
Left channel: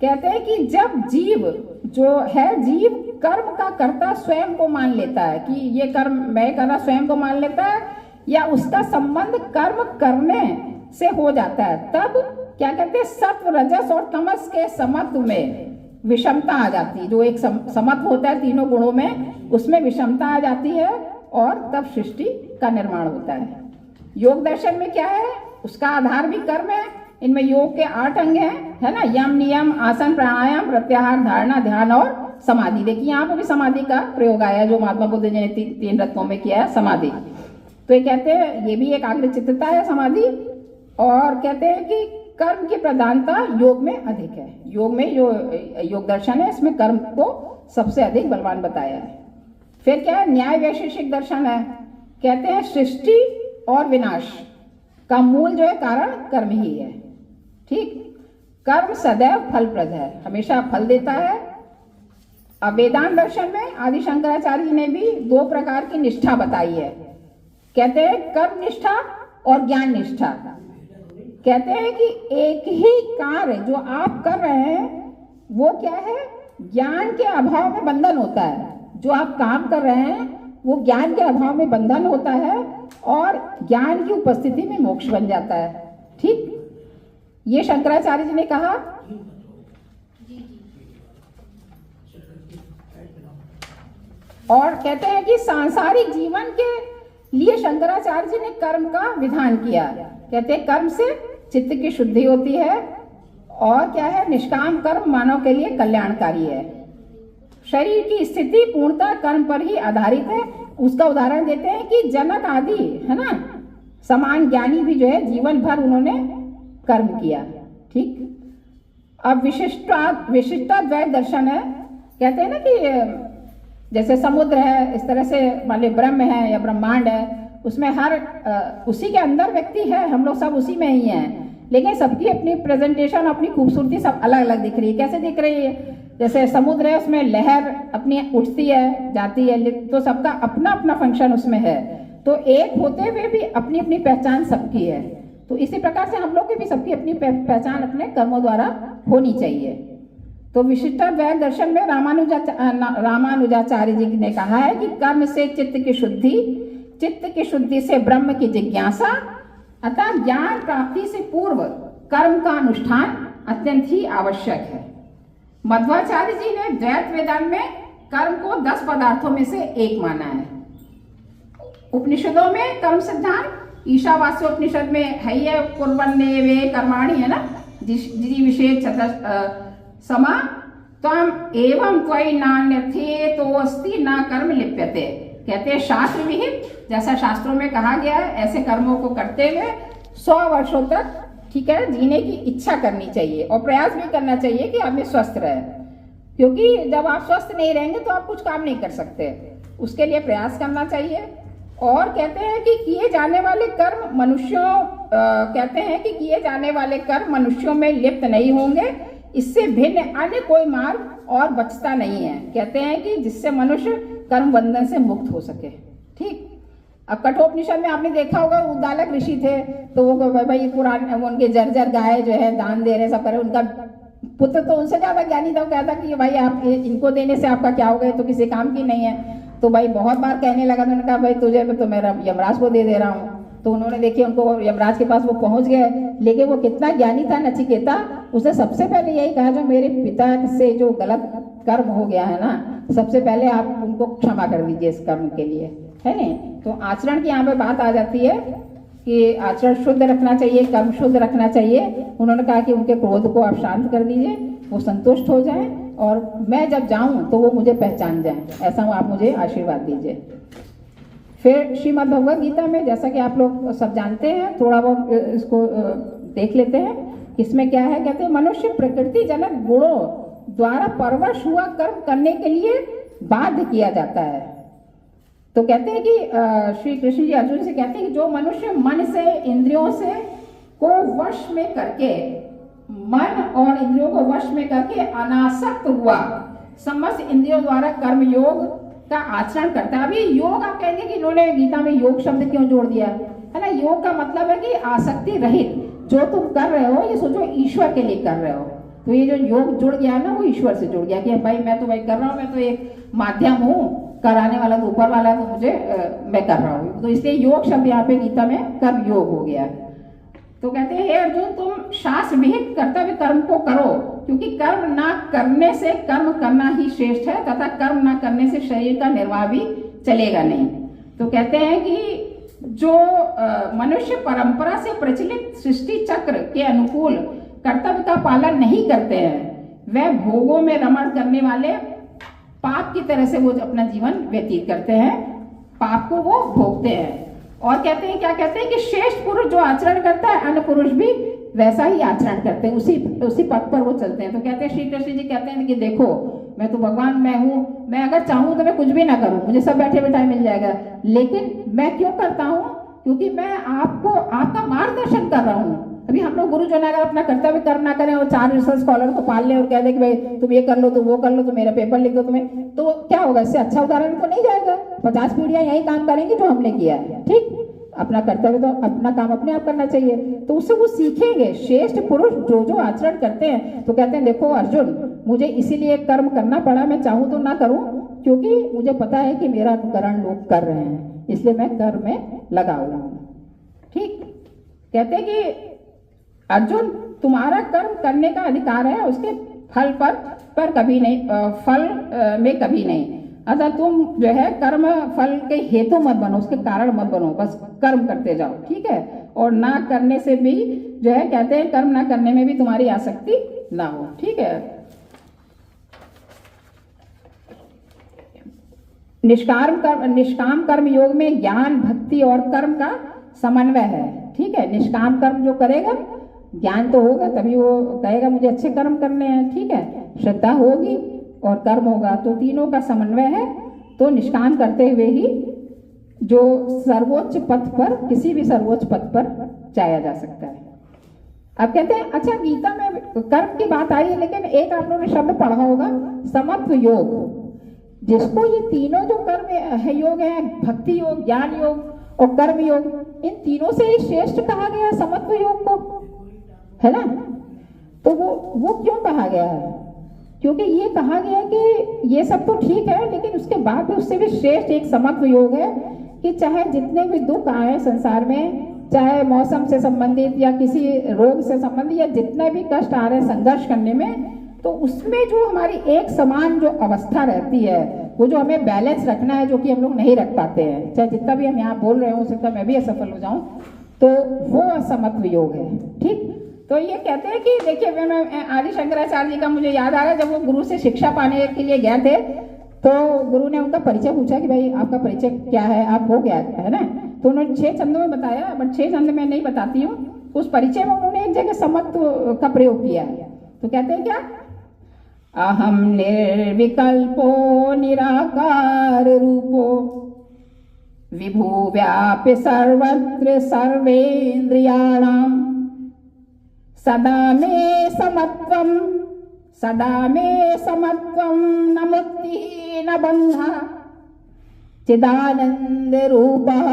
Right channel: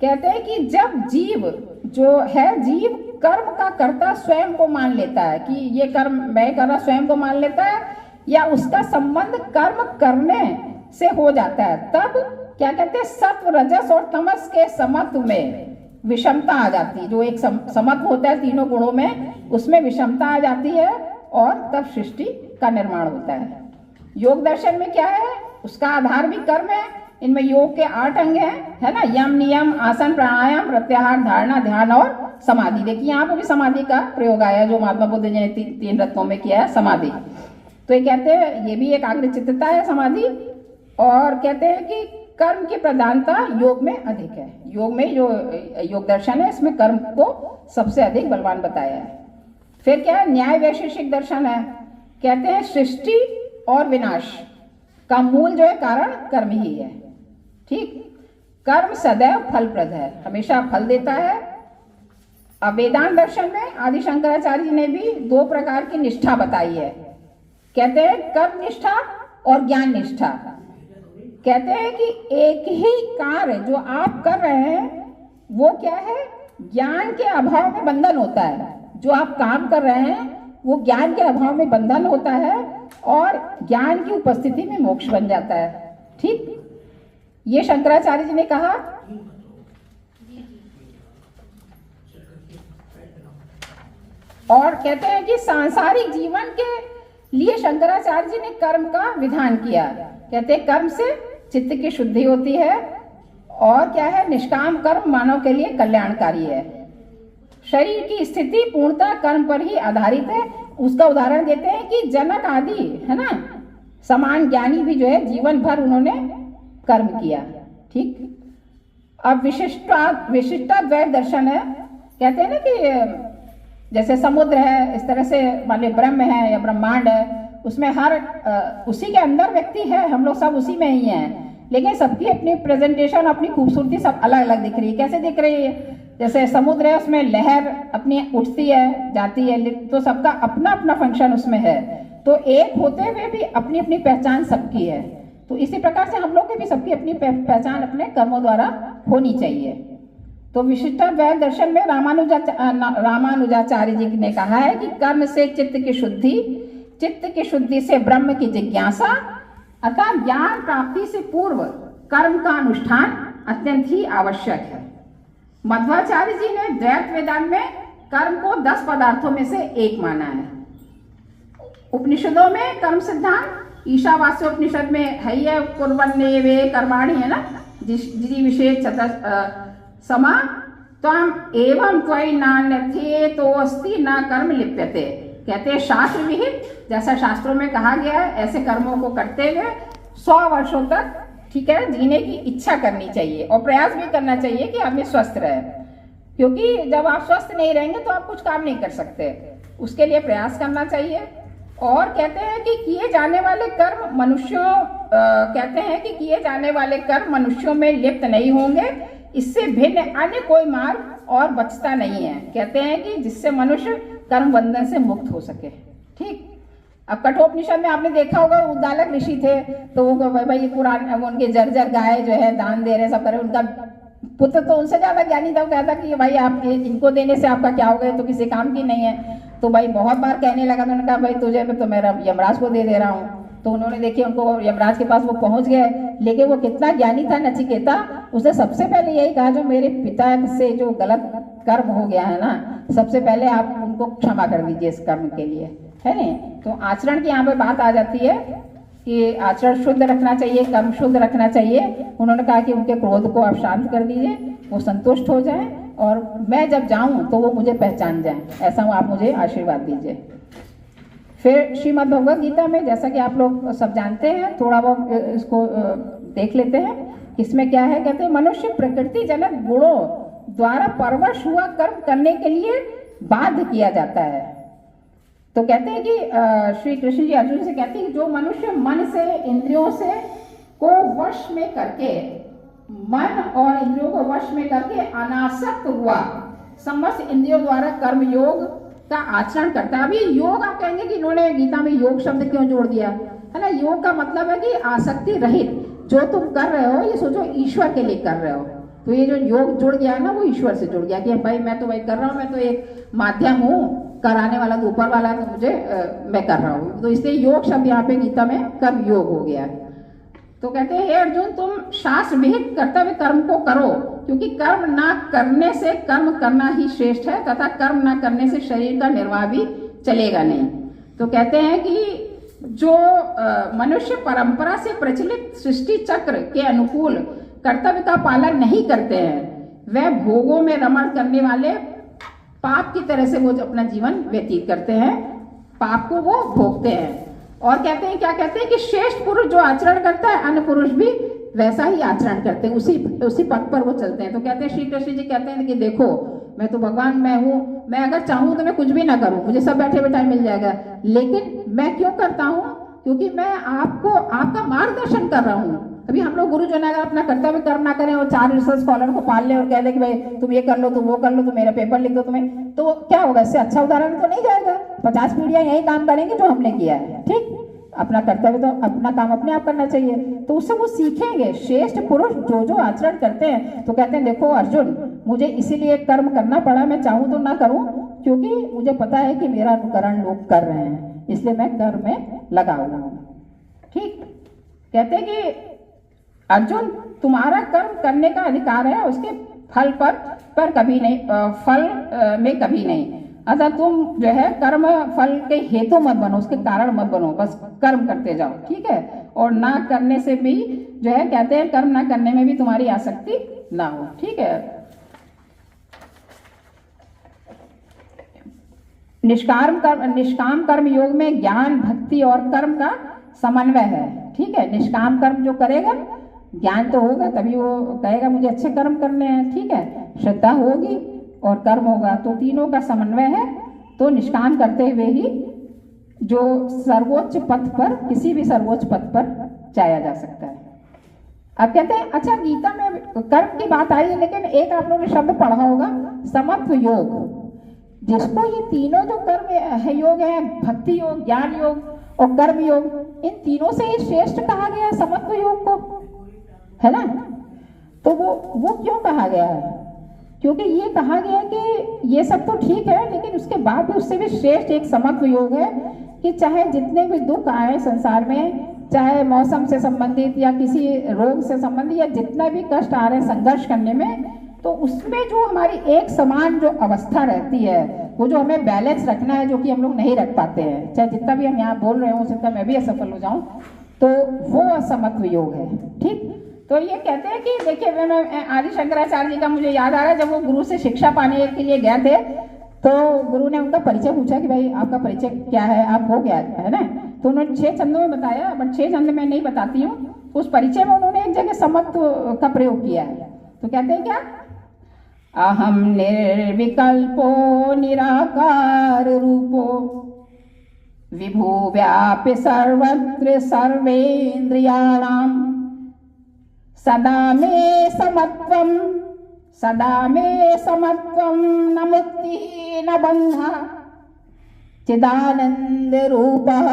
कहते हैं कि जब जीव जो है, जीव कर्म का कर्ता स्वयं को मान लेता है कि ये कर्म मैं कर रहा, स्वयं को मान लेता है, या उसका संबंध कर्म करने से हो जाता है, तब क्या कहते हैं सत्व, रजस और तमस के समत्व में विषमता आ जाती है। जो एक समत्व होता है तीनों गुणों में, उसमें विषमता आ जाती है और तब सृष्टि का निर्माण होता है। योग दर्शन में क्या है, उसका आधार भी कर्म है। इनमें योग के 8 अंग हैं, है ना, यम, नियम, आसन, प्राणायाम, प्रत्याहार, धारणा, ध्यान और समाधि। देखिए यहाँ पर भी समाधि का प्रयोग आया है जो महात्मा बुद्ध ने 3 रत्नों में किया है, समाधि। तो ये कहते हैं ये भी एक आग्रचित्तता है समाधि, और कहते हैं कि कर्म की प्रधानता योग में अधिक है। योग में जो योग दर्शन है इसमें कर्म को सबसे अधिक बलवान बताया है। फिर क्या है, न्याय वैशेषिक दर्शन है, कहते हैं सृष्टि और विनाश का मूल जो है कारण कर्म ही है, ठीक। कर्म सदैव फलप्रद है, हमेशा फल देता है। अब वेदांत दर्शन में आदि शंकराचार्य जी ने भी 2 प्रकार की निष्ठा बताई है, कहते हैं कर्म निष्ठा और ज्ञान निष्ठा। कहते हैं कि एक ही कार्य जो आप कर रहे हैं वो क्या है, ज्ञान के अभाव में बंधन होता है। जो आप काम कर रहे हैं वो ज्ञान के अभाव में बंधन होता है और ज्ञान की उपस्थिति में मोक्ष बन जाता है, ठीक। ये शंकराचार्य जी ने कहा। और कहते हैं कि सांसारिक जीवन के लिए शंकराचार्य जी ने कर्म का विधान किया। कहते हैं कर्म से चित्त की शुद्धि होती है, और क्या है, निष्काम कर्म मानव के लिए कल्याणकारी है। शरीर की स्थिति पूर्णतः कर्म पर ही आधारित है। उसका उदाहरण देते हैं कि जनक आदि, है ना, समान ज्ञानी भी जो है जीवन भर उन्होंने कर्म किया, ठीक। अब विशिष्टाद्वैत दर्शन है, कहते हैं ना कि जैसे समुद्र है, इस तरह से मान लो ब्रह्म है या ब्रह्मांड है, उसमें हर उसी के अंदर व्यक्ति है, हम लोग सब उसी में ही हैं, लेकिन सबकी अपनी प्रेजेंटेशन, अपनी खूबसूरती सब अलग अलग दिख रही है। कैसे दिख रही है, जैसे समुद्र है उसमें लहर अपनी उठती है जाती है, तो सबका अपना अपना फंक्शन उसमें है, तो एक होते हुए भी अपनी अपनी पहचान सबकी है। तो इसी प्रकार से हम लोग की भी सबकी अपनी पहचान अपने कर्मों द्वारा होनी चाहिए। तो विशिष्टाद्वैत दर्शन में रामानुजाचार्य जी ने कहा है कि कर्म से चित्त की शुद्धि, चित्त की शुद्धि से ब्रह्म की जिज्ञासा, अतः ज्ञान प्राप्ति से पूर्व कर्म का अनुष्ठान अत्यंत ही आवश्यक है। मध्वाचार्य जी ने द्वैत वेदांत में कर्म को 10 पदार्थों में से एक माना है। उपनिषदों में कर्म सिद्धांत ईशावास्य उपनिषद में है ही है, कुर्वन्नेवे कर्माणि, है ना, जिति विषय समा त्वम एवं त्वयि नान्यथे तो अस्ति न कर्म लिप्यते। कहते हैं शास्त्र विहित, जैसा शास्त्रों में कहा गया है ऐसे कर्मों को करते हुए 100 वर्षों तक ठीक है, जीने की इच्छा करनी चाहिए और प्रयास भी करना चाहिए कि आदमी स्वस्थ रहे, क्योंकि जब आप स्वस्थ नहीं रहेंगे तो आप कुछ काम नहीं कर सकते। उसके लिए प्रयास करना चाहिए। और कहते हैं कि किए जाने वाले कर्म मनुष्यों कहते हैं कि किए जाने वाले कर्म मनुष्यों में लिप्त नहीं होंगे, इससे भिन्न अन्य कोई मार्ग और बचता नहीं है। कहते हैं कि जिससे मनुष्य कर्म बंधन से मुक्त हो सके। ठीक, अब कठोपनिषद में आपने देखा होगा, उद्दालक ऋषि थे, तो वो भाई पुराने उनके जर्जर गाय जो है दान दे रहे, सब करे। उनका पुत्र तो उनसे ज्यादा ज्ञानी था, वो कहता कि भाई आप इनको देने से आपका क्या होगा, तो किसी काम की नहीं है। तो भाई बहुत बार कहने लगा, तो उन्होंने कहा भाई तुझे तो मैं यमराज को दे दे रहा हूँ। तो उन्होंने देखिए उनको यमराज के पास वो पहुंच गए, लेकिन वो कितना ज्ञानी था नचिकेता, उसने सबसे पहले यही कहा जो मेरे पिता से जो गलत कर्म हो गया है ना, सबसे पहले आप उनको क्षमा कर दीजिए इस कर्म के लिए, है नहीं। तो आचरण की यहाँ पे बात आ जाती है कि आचरण शुद्ध रखना चाहिए, कर्म शुद्ध रखना चाहिए। उन्होंने कहा कि उनके क्रोध को आप शांत कर दीजिए, वो संतुष्ट हो जाए और मैं जब जाऊं तो वो मुझे पहचान जाए, ऐसा आप मुझे आशीर्वाद दीजिए। फिर श्रीमद् भगवद गीता में, जैसा कि आप लोग सब जानते हैं, थोड़ा बहुत इसको देख लेते हैं। इसमें क्या है, कहते हैं मनुष्य प्रकृति जनक गुणों द्वारा परवश हुआ कर्म करने के लिए बाध्य किया जाता है। तो कहते हैं कि श्री कृष्ण जी अर्जुन से कहते हैं कि जो मनुष्य मन से इंद्रियों से को वश में करके, मन और इंद्रियों को वश में करके अनासक्त हुआ समस्त इंद्रियों द्वारा कर्म योग का आचरण करता है। अभी योग आप कहेंगे कि इन्होंने गीता में योग शब्द क्यों जोड़ दिया है ना। योग का मतलब है कि आसक्ति रहित जो तुम कर रहे हो, ये सोचो ईश्वर के लिए कर रहे हो। तो ये जो योग जुड़ गया ना, वो ईश्वर से जुड़ गया कि भाई मैं तो वही कर रहा हूँ, मैं तो एक माध्यम हूँ, कराने वाला तो ऊपर वाला है, तो मुझे मैं कर रहा हूँ। तो इसलिए योग शब्द यहाँ पे गीता में कर्म योग हो गया। तो कहते हैं हे अर्जुन, तुम शास्त्र विहित कर्तव्य कर्म को करो, क्योंकि कर्म ना करने से कर्म करना ही श्रेष्ठ है, तथा कर्म ना करने से शरीर का निर्वाह भी चलेगा नहीं। तो कहते हैं कि जो मनुष्य परंपरा से प्रचलित सृष्टि चक्र के अनुकूल कर्तव्य का पालन नहीं करते हैं, वह भोगों में रमण करने वाले पाप की तरह से वो अपना जीवन व्यतीत करते हैं, पाप को वो भोगते हैं। और कहते हैं, क्या कहते हैं कि श्रेष्ठ पुरुष जो आचरण करता है, अन्य पुरुष भी वैसा ही आचरण करते हैं, उसी पथ पर वो चलते हैं। तो कहते हैं श्री कृष्ण जी कहते हैं कि देखो मैं तो भगवान मैं हूँ, मैं अगर चाहूँ तो मैं कुछ भी ना करूँ, मुझे सब बैठे बैठाए मिल जाएगा, लेकिन मैं क्यों करता हूँ, क्योंकि मैं आपको आपका मार्गदर्शन कर रहा हूँ। अभी हम लोग गुरुजन अगर अपना कर्तव्य कर्म ना करें और 4 रिसर्च स्कॉलर को पाल लें और कह दें कि भाई तुम ये कर लो, तुम वो कर लो, तुम मेरा पेपर लिख दो तुम्हें, तो क्या होगा, इससे अच्छा उदाहरण तो नहीं जाएगा। 50 पीढ़ियां यही काम करेंगी जो हमने किया है। ठीक, अपना कर्तव्य तो अपना काम अपने आप करना चाहिए, तो उससे वो सीखेंगे। श्रेष्ठ पुरुष जो जो आचरण करते हैं, तो कहते हैं देखो अर्जुन, मुझे इसीलिए कर्म करना पड़ा, मैं चाहूँ तो ना करूँ, क्योंकि मुझे पता है कि मेरा अनुकरण लोग कर रहे हैं, इसलिए मैं कर्म में लगा हुआ हूँ। ठीक, कहते हैं कि अर्जुन तुम्हारा कर्म करने का अधिकार है, उसके फल पर कभी नहीं, फल में कभी नहीं। अतः तुम जो है कर्म फल के हेतु मत बनो, उसके कारण मत बनो, बस कर्म करते जाओ। ठीक है, और ना करने से भी जो है कहते हैं कर्म ना करने में भी तुम्हारी आसक्ति ना हो। ठीक है, निष्काम कर्म योग में ज्ञान भक्ति और कर्म का समन्वय है। ठीक है, निष्काम कर्म जो करेगा, ज्ञान तो होगा तभी वो कहेगा मुझे अच्छे कर्म करने हैं। ठीक है, श्रद्धा होगी और कर्म होगा, तो तीनों का समन्वय है। तो निष्काम करते हुए ही जो सर्वोच्च पथ पर, किसी भी सर्वोच्च पथ पर जाया जा सकता है। अब कहते हैं, अच्छा गीता में कर्म की बात आई है, लेकिन एक आप लोगों ने शब्द पढ़ा होगा समत्व योग, जिसको ये तीनों जो कर्म है योग है, भक्ति योग, ज्ञान योग और कर्म योग, इन तीनों से ये श्रेष्ठ कहा गया है समत्व योग को, है ना। तो वो क्यों कहा गया है, क्योंकि ये कहा गया कि ये सब तो ठीक है, लेकिन उसके बाद भी उससे भी श्रेष्ठ एक समत्व योग है कि चाहे जितने भी दुख आए संसार में, चाहे मौसम से संबंधित या किसी रोग से संबंधित या जितना भी कष्ट आ रहे हैं संघर्ष करने में, तो उसमें जो हमारी एक समान जो अवस्था रहती है, वो जो हमें बैलेंस रखना है, जो कि हम लोग नहीं रख पाते हैं, चाहे जितना भी हम यहाँ बोल रहे हो सकता मैं भी असफल हो जाऊँ, तो वो समत्व योग है। ठीक, तो ये कहते हैं कि देखिए मैं आदि शंकराचार्य जी का मुझे याद आ रहा है, जब वो गुरु से शिक्षा पाने के लिए गए थे, तो गुरु ने उनका परिचय पूछा कि भाई आपका परिचय क्या है, आप हो गया है ना। तो उन्होंने 6 छंदों में बताया, बट 6 छंद में नहीं बताती हूँ, उस परिचय में उन्होंने एक जगह समत्व का प्रयोग किया है। तो कहते हैं क्या, अहम निर्विकल्पो निराकार रूपो विभु व्यापि सर्वत्र सर्वेन्द्रियाणाम सदा मे समत्वम न मुक्ति न बंधा चिदानंद रूपः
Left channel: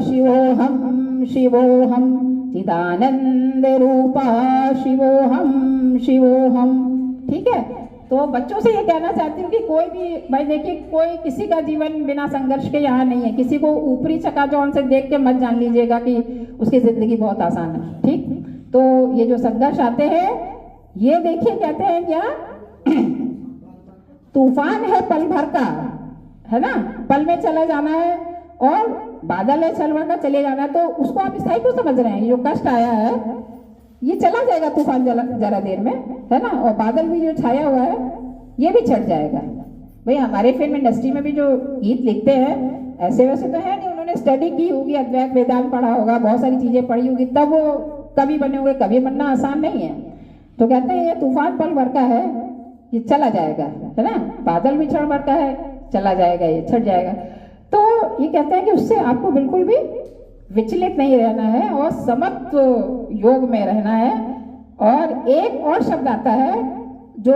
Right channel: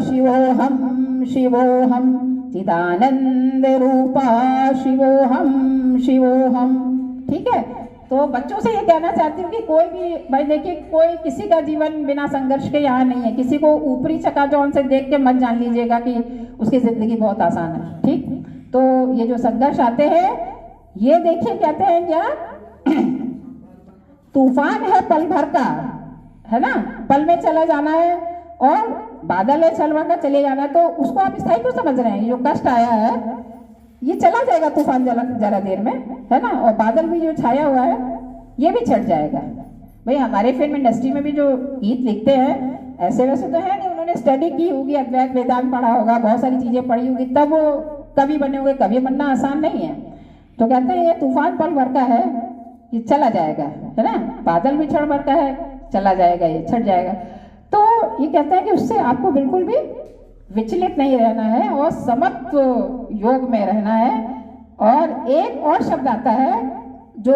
शिवोहम चिदानंद रूपः शिवोहम। ठीक है, तो बच्चों से ये कहना चाहती हूँ कि कोई भी, भाई देखिए, कोई किसी का जीवन बिना संघर्ष के यहाँ नहीं है। किसी को ऊपरी चकाचौंध से देख के मत जान लीजिएगा कि उसकी जिंदगी बहुत आसान है। ठीक, तो ये जो संघर्ष आते हैं, ये देखिए कहते हैं क्या, तूफान है पल भर का, है ना, पल में चला जाना है, और बादल है चलवा का चले जाना है। तो उसको आप स्थायी क्यों समझ रहे हैं? ये जो कष्ट आया है ये चला जाएगा, तूफान जरा देर में, है ना, और बादल भी जो छाया हुआ है ये भी छट जाएगा। भाई हमारे फिल्म इंडस्ट्री में भी जो गीत लिखते हैं ऐसे वैसे तो है नहीं, उन्होंने स्टडी की होगी, अद्वैत वेदांत पढ़ा होगा, बहुत सारी चीजें पढ़ी होगी, तब वो कवि बने होंगे। कवि बनना आसान नहीं है। तो कहते हैं ये तूफान पल भर का है, ये चला जाएगा, है ना, बादल भी क्षण भर का है, चला जाएगा, ये छट जाएगा। तो ये कहते हैं कि उससे आपको बिल्कुल भी विचलित नहीं रहना है और समत्व योग में रहना है। और एक और शब्द आता है जो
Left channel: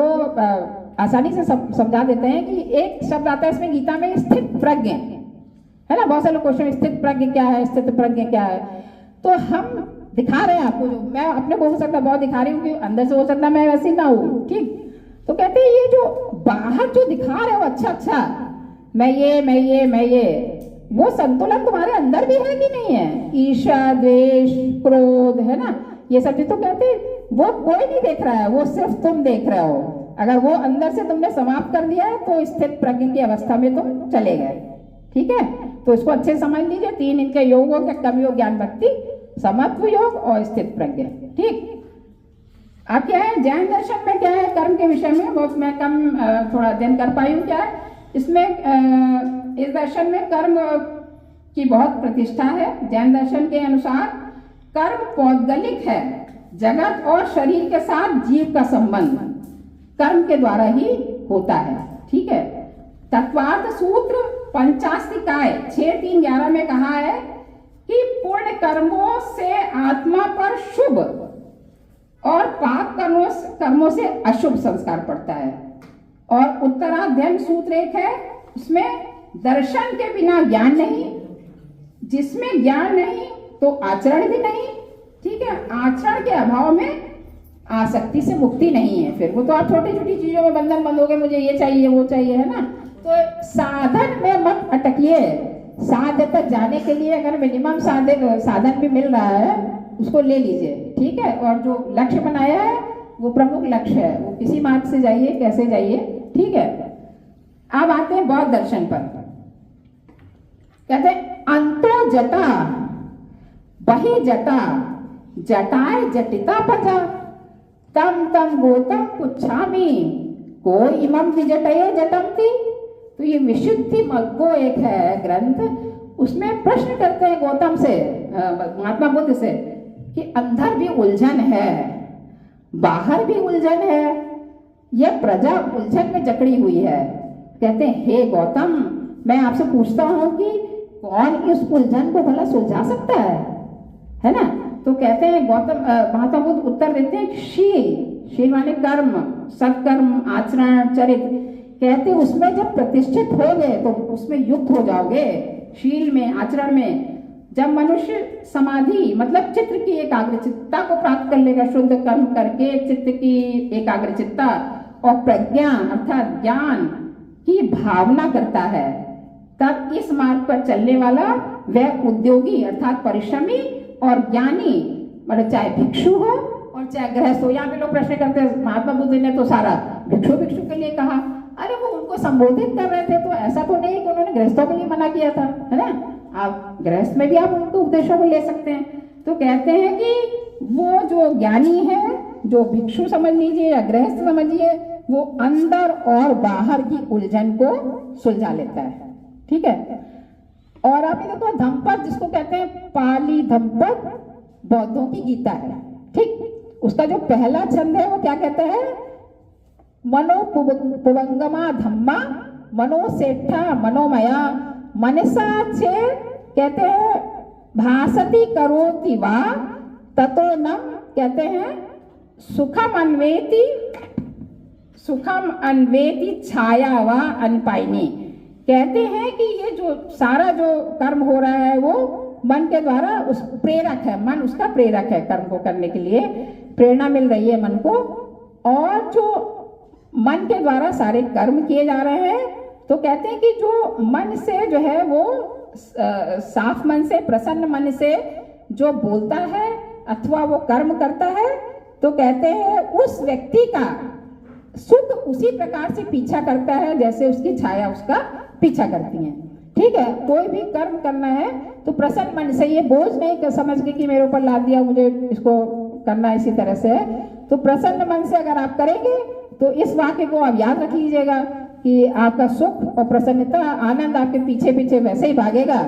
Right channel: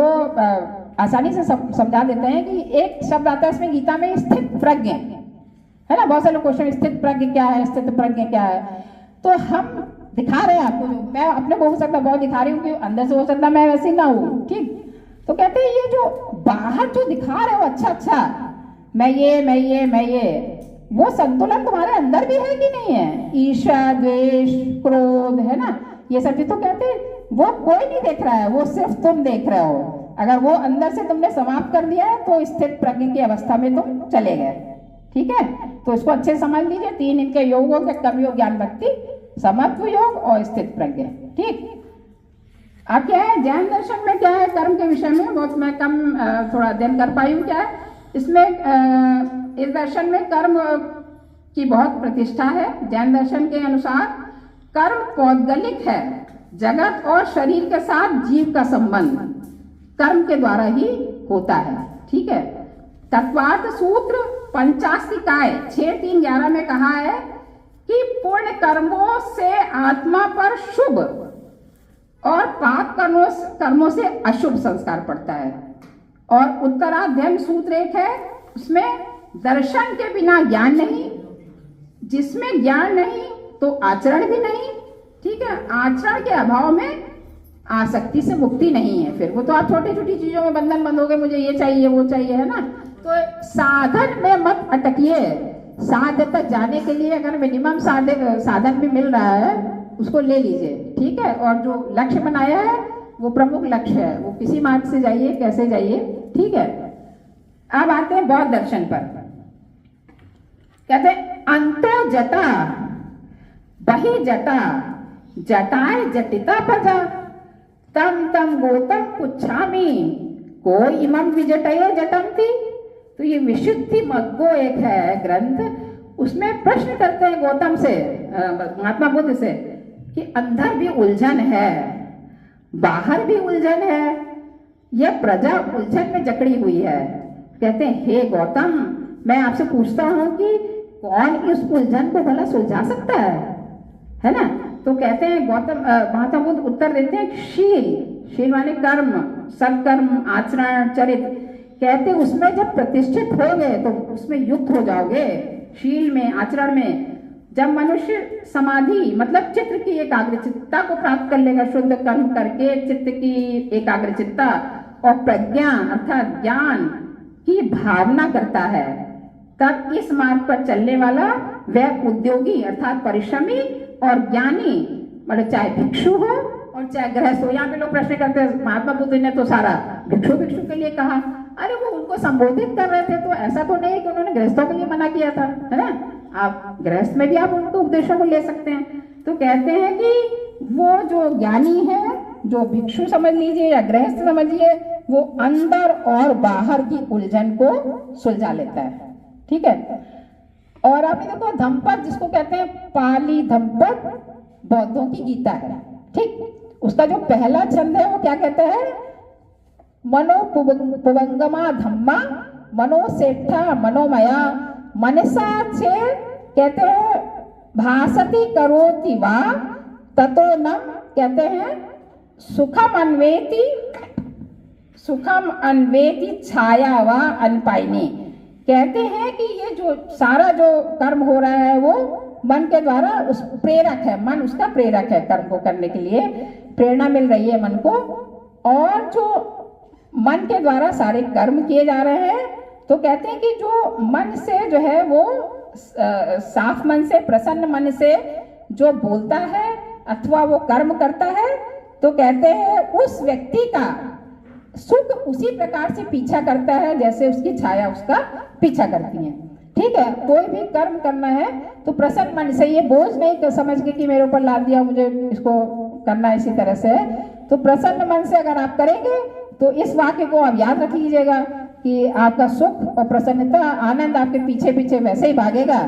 आसानी से समझा देते हैं कि एक शब्द आता है इसमें गीता में, स्थित प्रज्ञ, है ना। बहुत सारे क्वेश्चन, स्थित प्रज्ञ क्या है, स्थित प्रज्ञ क्या है। तो हम दिखा रहे हैं आपको, जो मैं अपने को हो सकता बहुत दिखा रही हूँ कि अंदर से हो सकता मैं वैसी ना हूँ। ठीक, तो कहते हैं ये जो बाहर जो दिखा रहे हो अच्छा मैं ये, वो संतुलन तुम्हारे अंदर भी है कि नहीं है? ईर्ष्या, द्वेष, क्रोध, है ना, ये सब चीज। तो कहते हैं वो कोई नहीं देख रहा है, वो सिर्फ तुम देख रहे हो। अगर वो अंदर से तुमने समाप्त कर दिया है तो स्थित प्रज्ञ की अवस्था में तुम चले गए। ठीक है, तो इसको अच्छे से समझ लीजिए। 3 इनके योगों के कर्म योग, ज्ञान भक्ति, समत्व योग और स्थित प्रज्ञ। ठीक, अब क्या है जैन दर्शन में क्या है कर्म के विषय में, बहुत मैं कम थोड़ा अध्ययन कर पाई हूँ। क्या है इसमें, इस दर्शन में कर्म की बहुत प्रतिष्ठा है। जैन दर्शन के अनुसार कर्म पौद्गलिक है, जगत और शरीर के साथ जीव का संबंध कर्म के द्वारा ही होता है। ठीक है, तत्वार्थ सूत्र पंचास्तिकाय 6.3.11 में कहा है कि पुण्य कर्मों से आत्मा पर शुभ और पाप कर्मों से अशुभ संस्कार पड़ता है। और उत्तराध्ययन सूत्र 1 है, उसमें दर्शन के बिना ज्ञान नहीं, जिसमें ज्ञान नहीं तो आचरण भी नहीं। ठीक है, आचरण के अभाव में आसक्ति से मुक्ति नहीं है। फिर वो तो आप छोटी छोटी चीजों में बंधन बंधोगे, मुझे ये चाहिए वो चाहिए, है ना। तो साधन में मत अटकिए। साध्य तक जाने के लिए अगर मिनिमम साधन भी मिल रहा है उसको ले लीजिए। ठीक है, और जो लक्ष्य बनाया है वो प्रमुख लक्ष्य है, वो किसी मार्ग से जाइए, कैसे जाइए। ठीक है, अब आते हैं बौद्ध दर्शन पर। कहते हैं अंतो जटा बहि जटा जटाए जटिता पजा तम गौतम पुच्छामी को इमं विजटये जटंती। तो ये विशुद्धि मग्गो एक है ग्रंथ, उसमें प्रश्न करते हैं गौतम से, महात्मा बुद्ध से, कि अंदर भी उलझन है, बाहर भी उलझन है, यह प्रजा उलझन में जकड़ी हुई है। कहते हैं हे गौतम, मैं आपसे पूछता हूं कि कौन इस उलझन को भला सुलझा सकता है ना। तो कहते हैं गौतम, महात्मा बुद्ध उत्तर देते हैं शील माने कर्म, सत्कर्म, आचरण, चरित्र। कहते उसमें जब प्रतिष्ठित हो गए तो उसमें युक्त हो जाओगे, शील में, आचरण में। जब मनुष्य समाधि मतलब चित्त की एकाग्रचित्ता को प्राप्त कर लेगा, शुद्ध कर्म करके चित्त की एकाग्रचित्ता, और प्रज्ञा अर्थात ज्ञान की भावना करता है, तब इस मार्ग पर चलने वाला वह उद्योगी अर्थात परिश्रमी और ज्ञानी, मतलब चाहे भिक्षु हो और चाहे गृहस्थ हो। यहाँ पे लोग प्रश्न करते हैं महात्मा बुद्ध ने तो सारा भिक्षु के लिए कहा। अरे वो उनको संबोधित कर रहे थे, तो ऐसा तो नहीं कि उन्होंने गृहस्थों के लिए मना किया था, है ना। आप गृहस्थ में भी आप उनको उपदेशों को ले सकते हैं। तो कहते हैं कि वो जो ज्ञानी है, जो भिक्षु समझ लीजिए या गृहस्थ समझिए, वो अंदर और बाहर की उलझन को सुलझा लेता है। ठीक है, और आप देखो धम्पद जिसको कहते हैं, पाली धम्पद बौद्धों की गीता है, ठीक। उसका जो पहला छंद है वो क्या कहता है, मनो पुवंगमा धम्मा मनोसेठा मनोमया मनसा चेत, कहते हैं भासति करोति वा ततो नम, कहते हैं सुखम अन्वेति छाया वा अनपाइनी। कहते हैं कि ये जो सारा जो कर्म हो रहा है वो मन के द्वारा उस प्रेरक है, मन उसका प्रेरक है, कर्म को करने के लिए प्रेरणा मिल रही है मन को। और जो मन के द्वारा सारे कर्म किए जा रहे हैं, तो कहते हैं कि जो मन से जो है वो साफ मन से, प्रसन्न मन से जो बोलता है अथवा वो कर्म करता है, तो कहते हैं उस व्यक्ति का सुख उसी प्रकार से पीछा करता है जैसे उसकी छाया उसका पीछा करती है, ठीक है। कोई भी कर्म करना है तो प्रसन्न मन से, ये बोझ नहीं समझ के कि मेरे ऊपर ला दिया मुझे इसको करना इसी तरह से, तो प्रसन्न मन से अगर आप करेंगे तो इस वाक्य को आप याद रख लीजिएगा कि आपका सुख और प्रसन्नता, आनंद आपके पीछे पीछे वैसे ही भागेगा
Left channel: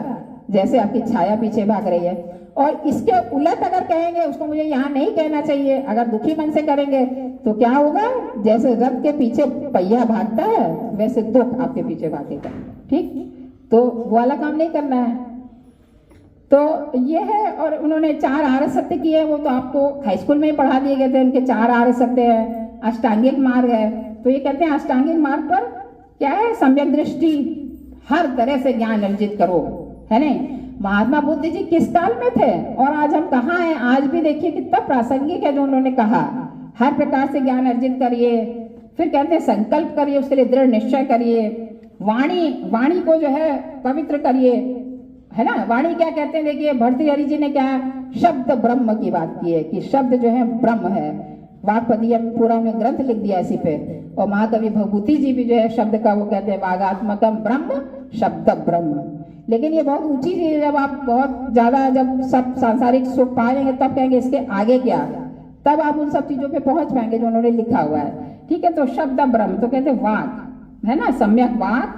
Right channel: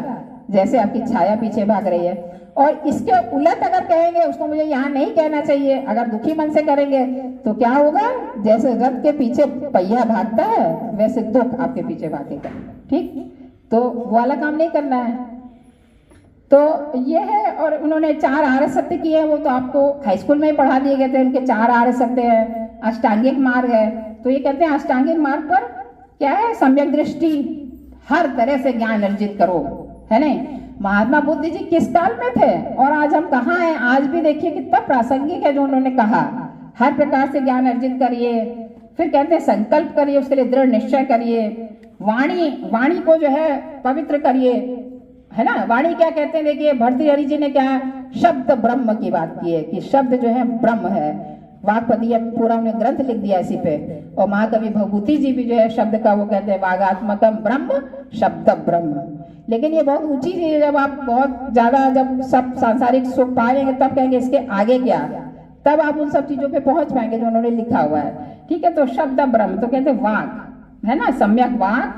जैसे आपकी छाया पीछे भाग रही है। और इसके उलट अगर कहेंगे उसको मुझे यहाँ नहीं कहना चाहिए, अगर दुखी मन से करेंगे तो क्या होगा, जैसे रथ के पीछे पहिया भागता है वैसे दुख आपके पीछे भागेगा, ठीक। तो वो वाला काम नहीं करना है। तो ये है। और उन्होंने 4 आर्य सत्य किए हैं, वो तो आपको हाई स्कूल में ही पढ़ा दिए गए थे। उनके 4 आर्य सत्य है, अष्टांगिक मार्ग है। तो ये कहते हैं अष्टांगिक मार्ग पर क्या है, सम्यक दृष्टि, हर तरह से ज्ञान अर्जित करो, है नहीं। महात्मा बुद्ध जी किस काल में थे और आज हम कहाँ हैं, आज भी देखिए कितना प्रासंगिक है जो उन्होंने कहा। हर प्रकार से ज्ञान अर्जित करिए, फिर कहते हैं संकल्प करिए, उसके लिए दृढ़ निश्चय करिए, वाणी को जो है पवित्र करिए, है ना। वाणी क्या कहते हैं, देखिए भर्तृहरि जी ने क्या शब्द ब्रह्म की बात की है कि शब्द जो है ब्रह्म है। वाक्पदीय पूरा उन्हें ग्रंथ लिख दिया इसी पे। और महाकवि भवभूति जी भी जो है शब्द का वो कहते हैं वागात्मकम ब्रह्म शब्द ब्रह्म। लेकिन ये बहुत ऊंची चीज है, जब आप बहुत ज्यादा जब सब सांसारिक सुख पाएंगे तब कहेंगे इसके आगे क्या, तब आप उन सब चीजों पे पहुंच पाएंगे जो उन्होंने लिखा हुआ है, ठीक है। तो शब्द ब्रह्म, तो कहते हैं वाक, है ना, सम्यक वाक,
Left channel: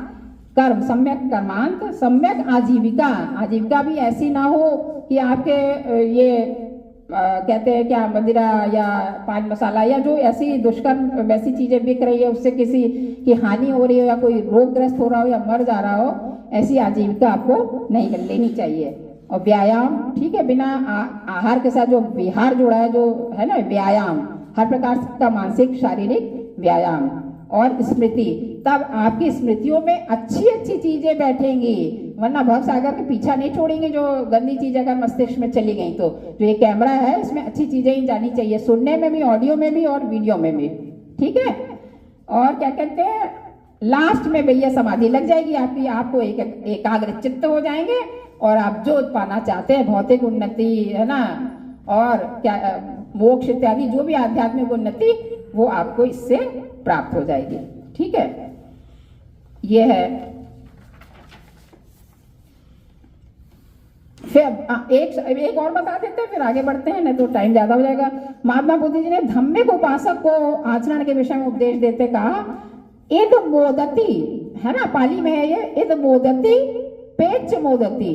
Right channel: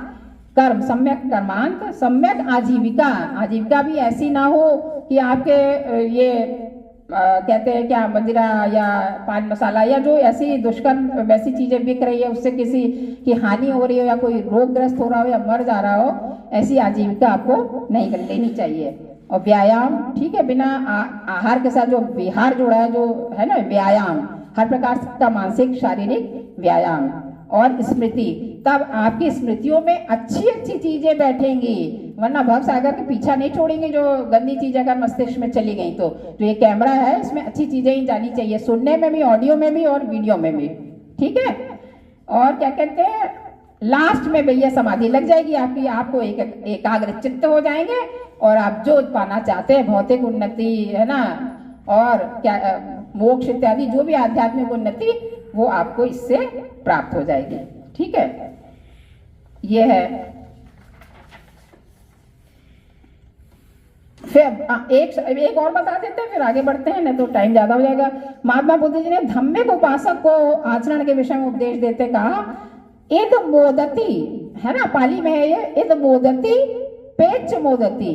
कर्म सम्यक कर्मांत, सम्यक आजीविका। आजीविका भी ऐसी ना हो कि आपके ये कहते हैं क्या मदिरा या पान मसाला या जो ऐसी दुष्कर्म वैसी चीजें बिक रही है उससे किसी की हानि हो रही हो या कोई रोगग्रस्त हो रहा हो या मर जा रहा हो, ऐसी आजीविका आपको नहीं लेनी चाहिए। और व्यायाम, ठीक है, बिना आहार के साथ जो विहार जुड़ा है, जो है ना व्यायाम, हर प्रकार का मानसिक शारीरिक व्यायाम। और स्मृति, तब आपकी स्मृतियों में अच्छी अच्छी चीजें बैठेंगी, वरना भव सागर के पीछा नहीं छोड़ेंगे जो गंदी चीज अगर मस्तिष्क में चली गई। तो जो ये कैमरा है इसमें अच्छी चीजें ही जानी चाहिए, सुनने में भी, ऑडियो में भी और वीडियो में भी, ठीक है। और क्या कहते हैं, लास्ट में भैया समाधि लग जाएगी आपकी, आपको एकाग्र चित्त हो जाएंगे और आप जो पाना चाहते हैं, भौतिक उन्नति, है ना, और क्या मोक्ष इत्यादि जो भी आध्यात्मिक उन्नति, वो आपको इससे प्राप्त हो जाएगी, ठीक है। ये है। फिर एक और बता देते हैं, फिर आगे बढ़ते हैं, नहीं तो टाइम ज्यादा हो जाएगा। महात्मा बुद्ध जी ने धम्मिक उपासक को आचरण के विषय में उपदेश देते कहा, इद मोदती, है ना, पाली में है ये, इद मोदती पेच मोदती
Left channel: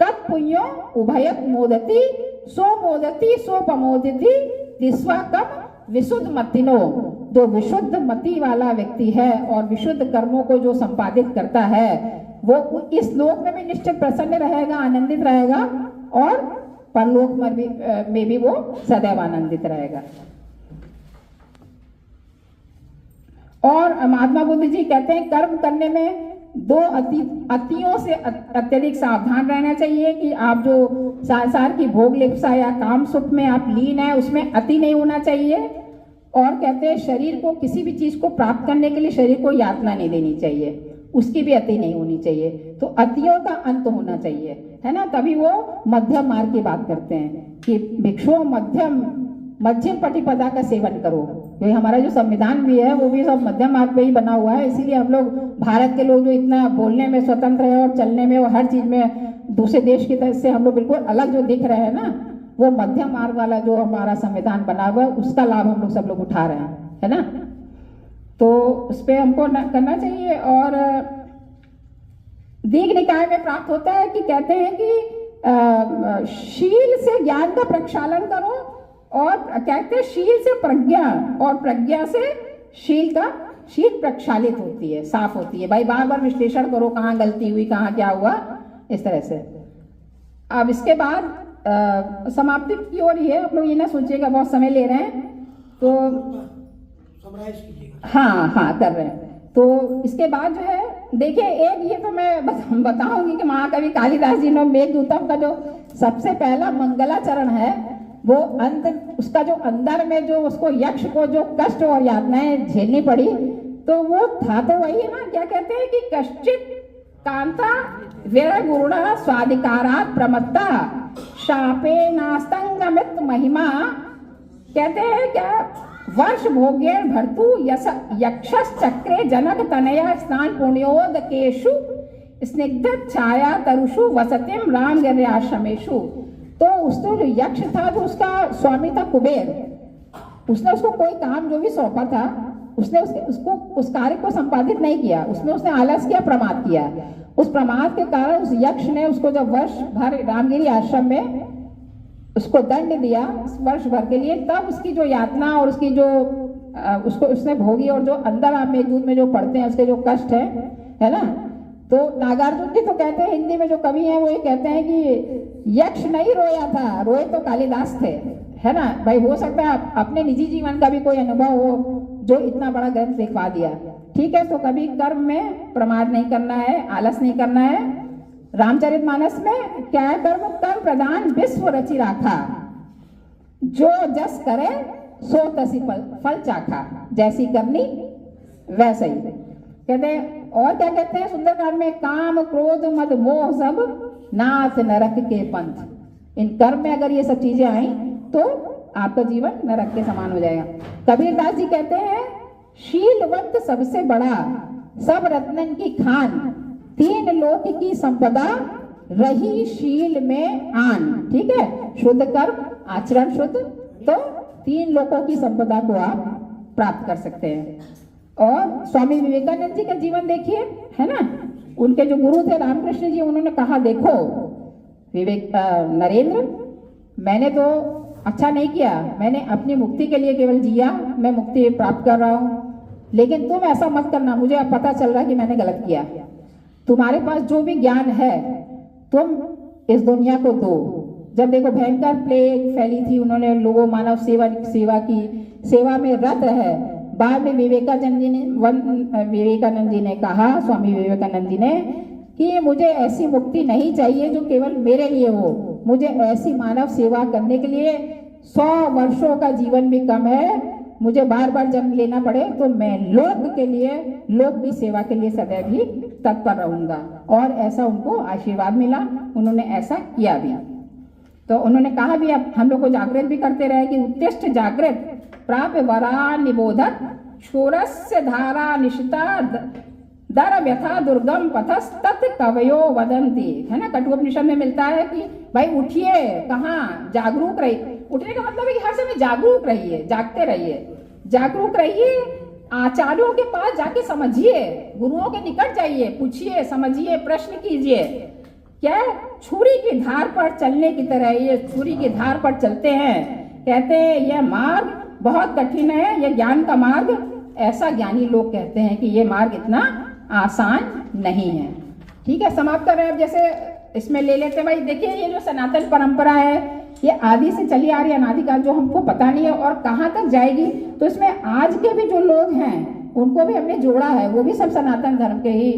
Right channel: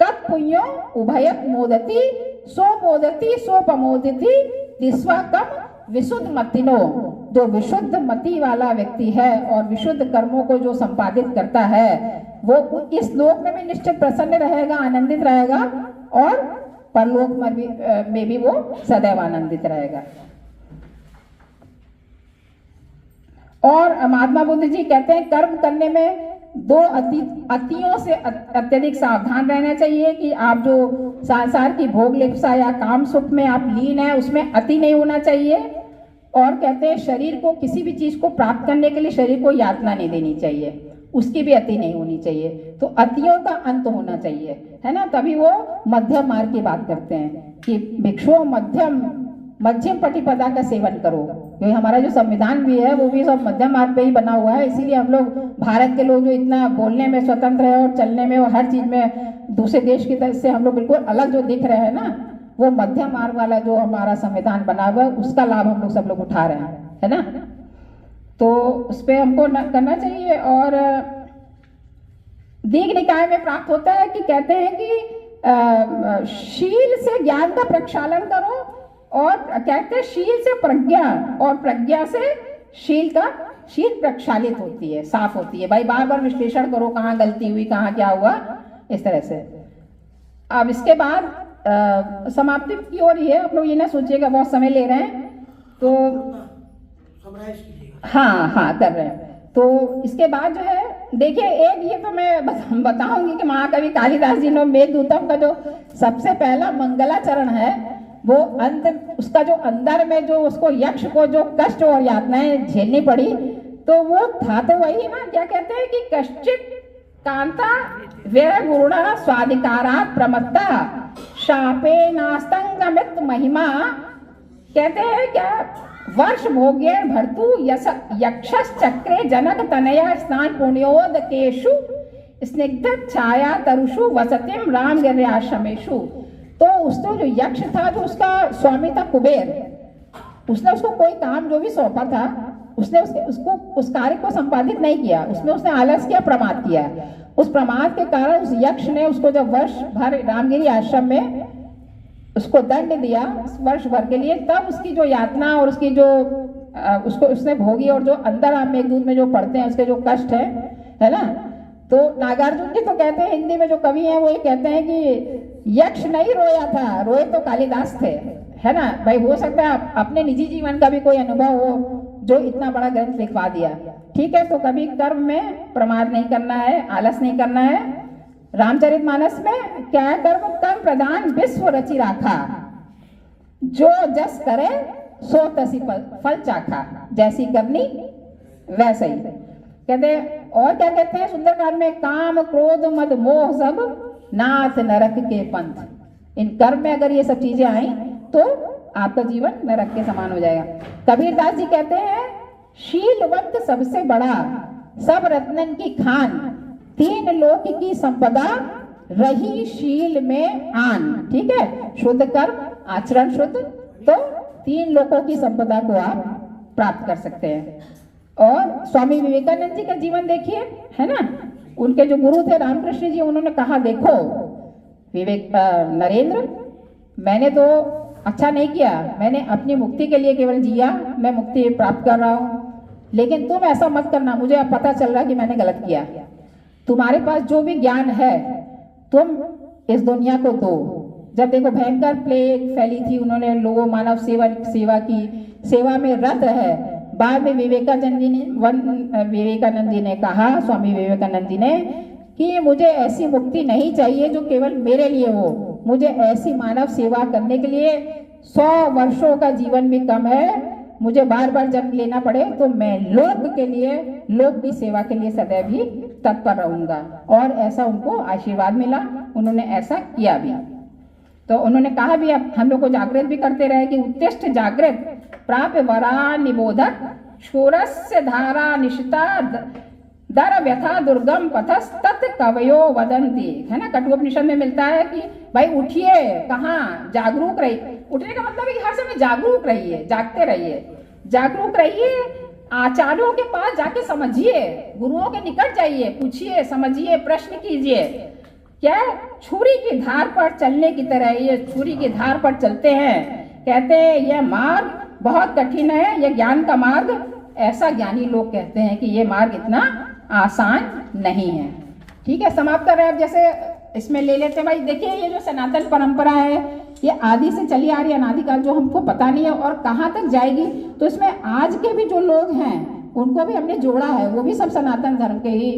कत पुण्यो उभयत मोदती सो मोदती सो पमोदती दिस्वा कम विशुद्ध मतिनो। जो विशुद्ध मति वाला व्यक्ति है और विशुद्ध कर्मों को जो संपादित करता है, वो इस लोक में भी निश्चित प्रसन्न रहेगा, आनंदित रहेगा, और परलोक में भी वो सदैव आनंदित रहेगा। और महात्मा बुद्ध जी कहते हैं कर्म करने में 2 अतियों से अत्यधिक सावधान रहना चाहिए कि आप जो संसार की भोग लिप्सा या काम सुख में आप लीन है उसमें अति नहीं होना चाहिए। और कहते हैं शरीर को, किसी भी चीज को प्राप्त करने के लिए शरीर को यातना नहीं देनी चाहिए, उसकी भी अति नहीं होनी चाहिए। तो अतियों का अंत होना चाहिए, है ना। तभी वो मध्यम मार्ग की बात करते हैं कि भिक्षु मध्यम प्रतिपदा का सेवन करो। क्योंकि हमारा जो संविधान भी है वो भी सब मध्यम मार्ग पे ही बना हुआ है, इसीलिए हम लोग भारत के लोग जो इतना बोलने में स्वतंत्र है और चलने में और हर चीज में दूसरे देश की तरह से हम लोग बिल्कुल अलग जो दिख रहे हैं ना, वो मध्यम मार्ग वाला जो हमारा संविधान बना हुआ है उसका लाभ हम लोग सब लोग उठा रहे हैं, है ना। तो उस पर हमको करना चाहिए। और दीघ निकाय में प्राप्त होता है कि कहते हैं कि शील से ज्ञान का प्रक्षालन करो, और कहते हैं शील से प्रज्ञा, और प्रज्ञा से शील प्रक्षालित होती है, साफ होती है। भाई बार बार विश्लेषण करो, कहाँ गलती हुई, कहाँ क्या हुआ, इस तरह से। अब इसके बाद समाप्ति की ओर ही है, आप लोग ये ना सोचिएगा बहुत समय ले रहे हैं, तो हाँ कर रहे हैं। तो इसके बाद जो है देखिए, एक ये तो मैं बताऊंगी कि महाकवि कालिदास जी ने मेघदूतम का जो सबसे पहला मंगलाचरण है, वो अंत उसका जो अंदर में जो उसको यक्ष को जो कष्ट और यातनाएं झेलनी पड़ी, तो वो था तो वही है ना, क्या कहते हैं कि कश्चित कांता वीर गुरुणा स्वाधिकारात् प्रमत्ता शापे नास्तंगमित महिमा। कहते हैं क्या, वर्ष भोग्य भर्तु यक्षस चक्रे जनक तनया स्नान पुण्योदकेषु स्निग्ध छाया तरुषु वसतिम राम गिर्याश्रमेषु। तो उसको जो यक्ष था, जो उसका स्वामी था कुबेर, उसने उसको कोई काम जो भी सौंपा था, उसने उसको उस कार्य को संपादित नहीं किया, उसने आलस किया, प्रमाद किया। उस प्रमाद के कारण उस यक्ष ने उसको जब वर्ष भर रामगिरी आश्रम में उसको दंड दिया, वर्ष भर के लिए, तब उसकी जो यातना और उसकी जो उसको उसने भोगी, और जो अंदर आप मेघदूत में जो पढ़ते हैं उसके जो कष्ट है ना। तो नागार्जुन जी तो कहते हैं, हिंदी में जो कवि हैं वो ये कहते हैं कि यक्ष नहीं रोया था, रोए तो कालिदास थे, है ना। भाई हो सकता है अपने निजी जीवन का भी कोई अनुभव हो जो इतना बड़ा ग्रंथ लिखवा दिया, ठीक है। तो कभी कर्म में प्रमाद नहीं करना है, आलस नहीं करना है। रामचरितमानस में क्या है, कर्म प्रधान विश्व रचि राखा, जो जस करे सो तसी फल चाखा, जैसी करनी वैसे ही। कहते हैं, और क्या कहते हैं सुंदरकांड में, काम क्रोध मद मोह सब नाथ नरक के पंथ। इन कर्म में अगर ये सब चीजें आई तो आपका जीवन नरक के समान हो जाएगा। कबीरदास जी कहते हैं, शीलवंत सबसे बड़ा, सब रत्नन की खान, तीन लोक की संपदा, रही शील में आन। ठीक है, शुद्ध कर्म, आचरण शुद्ध, तो तीन लोकों की संपदा को आप प्राप्त कर सकते हैं। और स्वामी विवेकानंद जी का जीवन देखिए, है ना। उनके जो गुरु थे रामकृष्ण जी, उन्होंने कहा, देखो नरेंद्र, मैंने तो अच्छा नहीं किया, मैंने अपनी मुक्ति के लिए केवल जिया, मैं मुक्ति प्राप्त कर रहा हूँ, लेकिन तुम ऐसा मत करना, मुझे अब पता चल रहा है कि मैंने गलत किया। तुम्हारे पास जो भी ज्ञान है तुम इस दुनिया को दो। जब देखो भयंकर प्लेग फैली थी, उन्होंने लोगों मानव सेवा की, सेवा में रत है। बाद में विवेकानंद जी ने कहा, स्वामी विवेकानंद जी ने, कि मुझे ऐसी मुक्ति नहीं चाहिए जो केवल मेरे लिए हो, मुझे ऐसी मानव सेवा करने के लिए 100 वर्षों का जीवन भी कम है, मुझे बार बार जन्म लेना पड़े तो मैं लोक के लिए, लोक की सेवा के लिए सदैव ही तत्पर रहूंगा। और ऐसा उनको आशीर्वाद मिला, उन्होंने ऐसा किया भी। तो उन्होंने कहा भी, अब हम लोग को जागृत भी करते रहे कि उत्तिष्ठ जागृत प्राप्य वरा निबोधक शूरस्य धारा निशिता दर व्यथा दुर्गम पथस तत् कवयो वदंती। है ना, कठोपनिषद में मिलता है कि भाई उठिए, कहाँ, जागरूक रहिए। उठने का मतलब है कि हर समय जागरूक रहिए, जागते रहिए, जागरूक रहिए। आचार्यों के पास जाके समझिए, गुरुओं के निकट जाइए, पूछिए, समझिए, प्रश्न कीजिए। क्या छुरी की धार पर चलने की तरह ये छुरी की धार पर चलते हैं। कहते हैं यह मार्ग बहुत कठिन है, यह ज्ञान का मार्ग। ऐसा ज्ञानी लोग कहते हैं कि ये मार्ग इतना आसान नहीं है। ठीक है, समाप्त कर रहे हैं। अब जैसे इसमें ले लेते हैं, भाई देखिए ये जो सनातन परंपरा है ये आदि से चली आ रही है, अनादिकाल, जो हमको पता नहीं है और कहाँ तक जाएगी। तो इसमें आज के भी जो लोग हैं उनको भी हमने जोड़ा है, वो भी सब सनातन धर्म के ही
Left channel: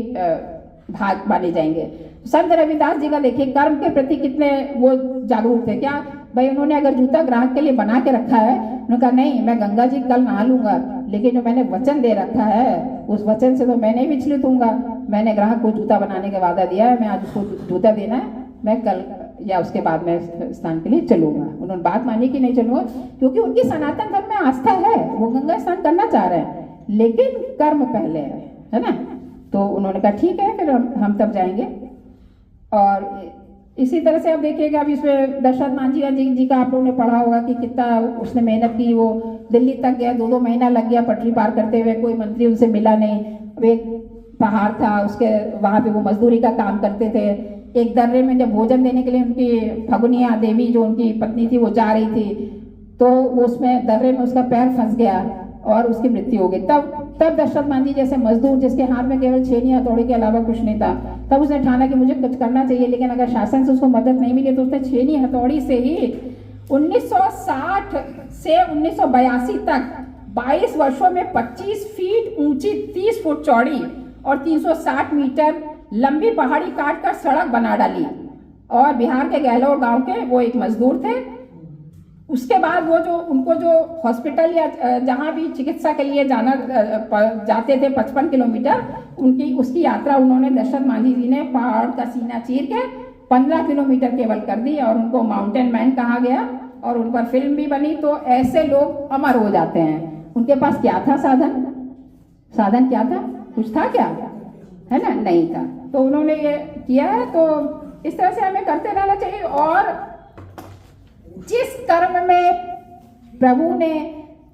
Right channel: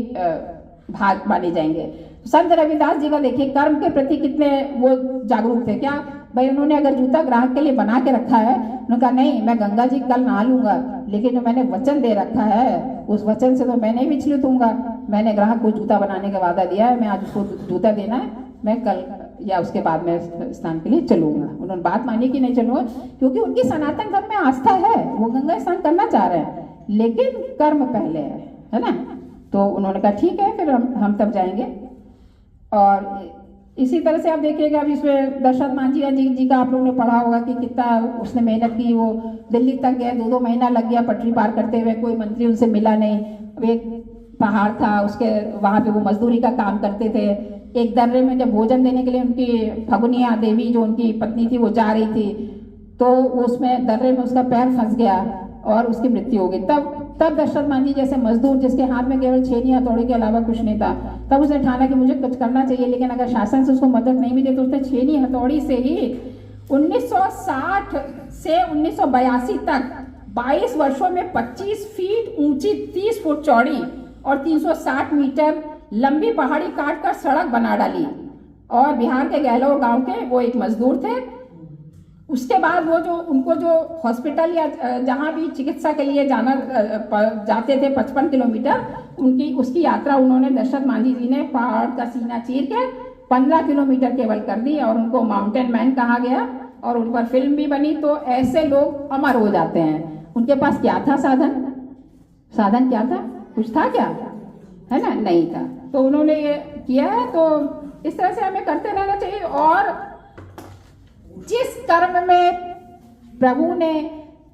भाग माने जाएंगे। संत रविदास जी का देखिए, कर्म के प्रति कितने वो जागरूक थे। क्या भाई, उन्होंने अगर जूता ग्राहक के लिए बना के रखा है, उन्होंने कहा नहीं, मैं गंगा जी कल नहा लूंगा, लेकिन जो मैंने वचन दे रखा है उस वचन से तो मैं नहीं विचलित हूँगा। मैंने ग्राहक को जूता बनाने का वादा दिया है, मैं आज उसको जूता देना है, मैं कल या उसके बाद में स्नान के लिए चलूंगा। उन्होंने बात मानी कि नहीं चलूंगा, क्योंकि उनकी सनातन धर्म में आस्था है, वो गंगा स्नान करना चाह रहे हैं, लेकिन कर्म पहले है ना। तो उन्होंने कहा ठीक है, फिर हम तब जाएंगे। और इसी तरह से आप देखिएगा, अब इसमें दशरथ मांझी जी का आप लोगों ने पढ़ा होगा कि कितना उसने मेहनत की। वो दिल्ली तक गया, 2-2 महीना लग गया पटरी पार करते हुए, कोई मंत्री उनसे मिला नहीं। अब एक पहाड़ था, उसके वहाँ पे वो मजदूरी का काम करते थे, एक दर्रे में जब भोजन देने के लिए उनकी फगुनिया देवी जो उनकी पत्नी थी वो जा रही थी, तो उसमें दर्रे में उसका पैर फंस गया और उसकी मृत्यु हो गई। तब दशरथ मान जी जैसे मजदूर जिसके हाथ में केवल छेनी हथौड़ी के अलावा कुछ नहीं था, तब उसने ठाना कि मुझे कुछ करना चाहिए, लेकिन अगर शासन से उसको मदद नहीं मिली तो उसने छेनी हथौड़ी से ही 1960 से 1982 तक 22 वर्षों में 25 फीट ऊंची, 30 फुट चौड़ी और 360 मीटर लंबी पहाड़ी काट कर सड़क बना डाली। और बिहार के गहलोर गांव के वो एक मजदूर थे। उसके बाद वो जो उनको जो हॉस्पिटल या जहाँ भी चिकित्सा के लिए जाते थे 55 किलोमीटर उसकी यात्रा उन्होंने दशरथ मांझी जी ने पहाड़ का सीना चीर के 15 किलोमीटर केवल कर दी और उनको माउंटेन मैन कहा गया और उन पर फिल्म भी बनी। तो ऐसे लोग अमर हो जाते हैं। उनके पास क्या था साधन क्या था? कुछ था क्या? है ना, नहीं था। तो उन्होंने ये किया है। तो इस तरह से हमें करते रहना चाहिए। और जिस कर्म में प्रभु ने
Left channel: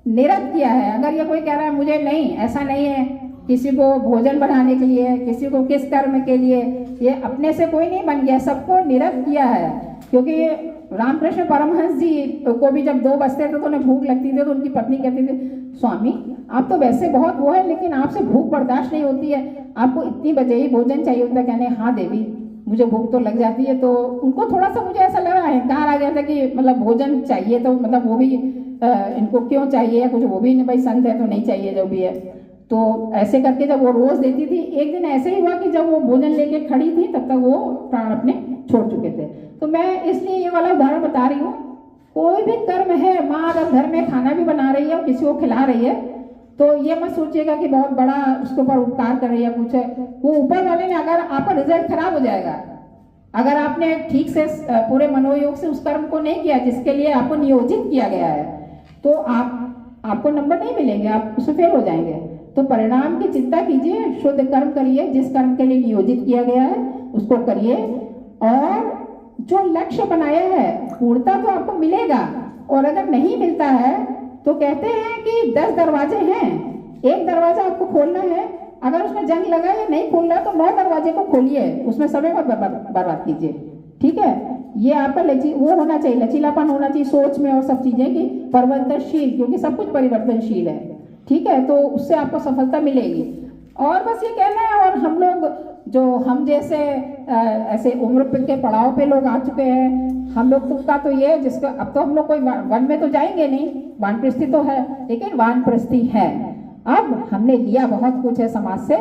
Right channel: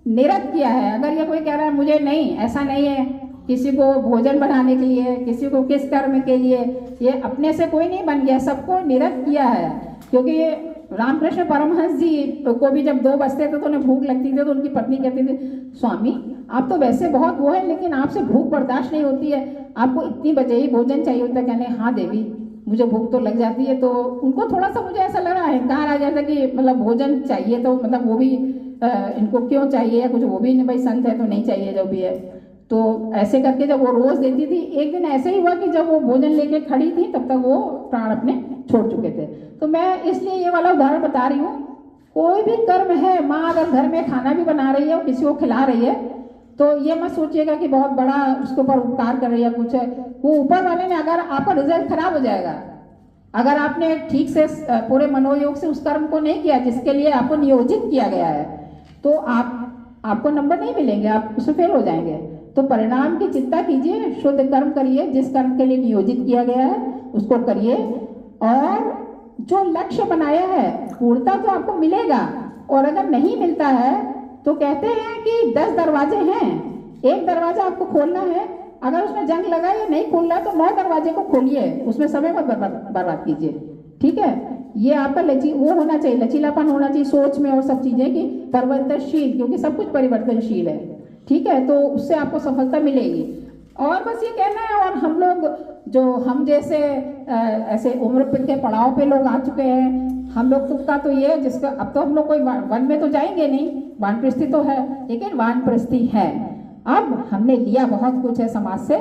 निरत किया है, अगर ये कोई कह रहा है मुझे नहीं, ऐसा नहीं है, किसी को भोजन बनाने के लिए, किसी को किस कर्म के लिए, ये अपने से कोई नहीं बन गया, सबको निरत किया है। क्योंकि ये रामकृष्ण परमहंस जी को भी जब 2 बजते थे तो उन्हें भूख लगती थी, तो उनकी पत्नी कहती थी, स्वामी आप तो वैसे बहुत वो है, लेकिन आपसे भूख बर्दाश्त नहीं होती है, आपको इतनी बजे ही भोजन चाहिए होता है। कहने हाँ देवी, मुझे भूख तो लग जाती है। तो उनको थोड़ा सा मुझे ऐसा लगा, अहंकार आ गया था कि मतलब भोजन चाहिए, तो मतलब वो भी इनको क्यों चाहिए, कुछ वो भी नहीं, भाई संत है तो नहीं चाहिए जो भी है। तो ऐसे करके जब वो रोज देती थी, एक दिन ऐसे ही हुआ कि जब वो भोजन लेके खड़ी थी तब तक वो प्राण अपने छोड़ चुके थे। तो मैं इसलिए ये वाला उदाहरण बता रही हूँ। कोई भी कर्म है, माँ अगर घर में खाना भी बना रही है और किसी को खिला रही है, तो ये मत सोचिएगा कि बहुत बड़ा उसके ऊपर उपकार कर रही है कुछ है। वो ऊपर वाले ने, अगर आपका रिजल्ट खराब हो जाएगा, अगर आपने ठीक से पूरे मनोयोग से उस कर्म को नहीं किया जिसके लिए आपको नियोजित किया गया है, तो आपको नंबर नहीं मिलेंगे, आप उसमें फेल हो जाएंगे। तो परिणाम की चिंता कीजिए, शुद्ध कर्म करिए, जिस कर्म के लिए नियोजित किया गया है उसको करिए। और जो लक्ष्य बनाया है पूर्णता तो आपको मिलेगा। और अगर नहीं मिलता है तो कहते हैं कि 10 दरवाजे हैं, एक दरवाजा आपको खोलना है, अगर उसमें जंग लगा या नहीं खोलना है तो 9 दरवाजे को खोलिए, उसमें समय मत बर्बाद कीजिए। ठीक है, ये आपका वो होना चाहिए, लचीलापन होना चाहिए सोच में और सब चीजें की परिवर्तनशील, क्योंकि सब कुछ परिवर्तनशील है। ठीक है, तो उससे आपको सफलता मिलेगी। और बस ये कहना है। और हम लोग जो हम जैसे ऐसे उम्र के पड़ाव पे लोग आ चुके हैं, हम लोग का तो ये जिसका अब तो हम लोग कोई वन में तो जाएंगे नहीं, वानप्रस्थी तो है, लेकिन वानप्रस्थी है। अब हमने लिया बहुत कुछ है समाज से,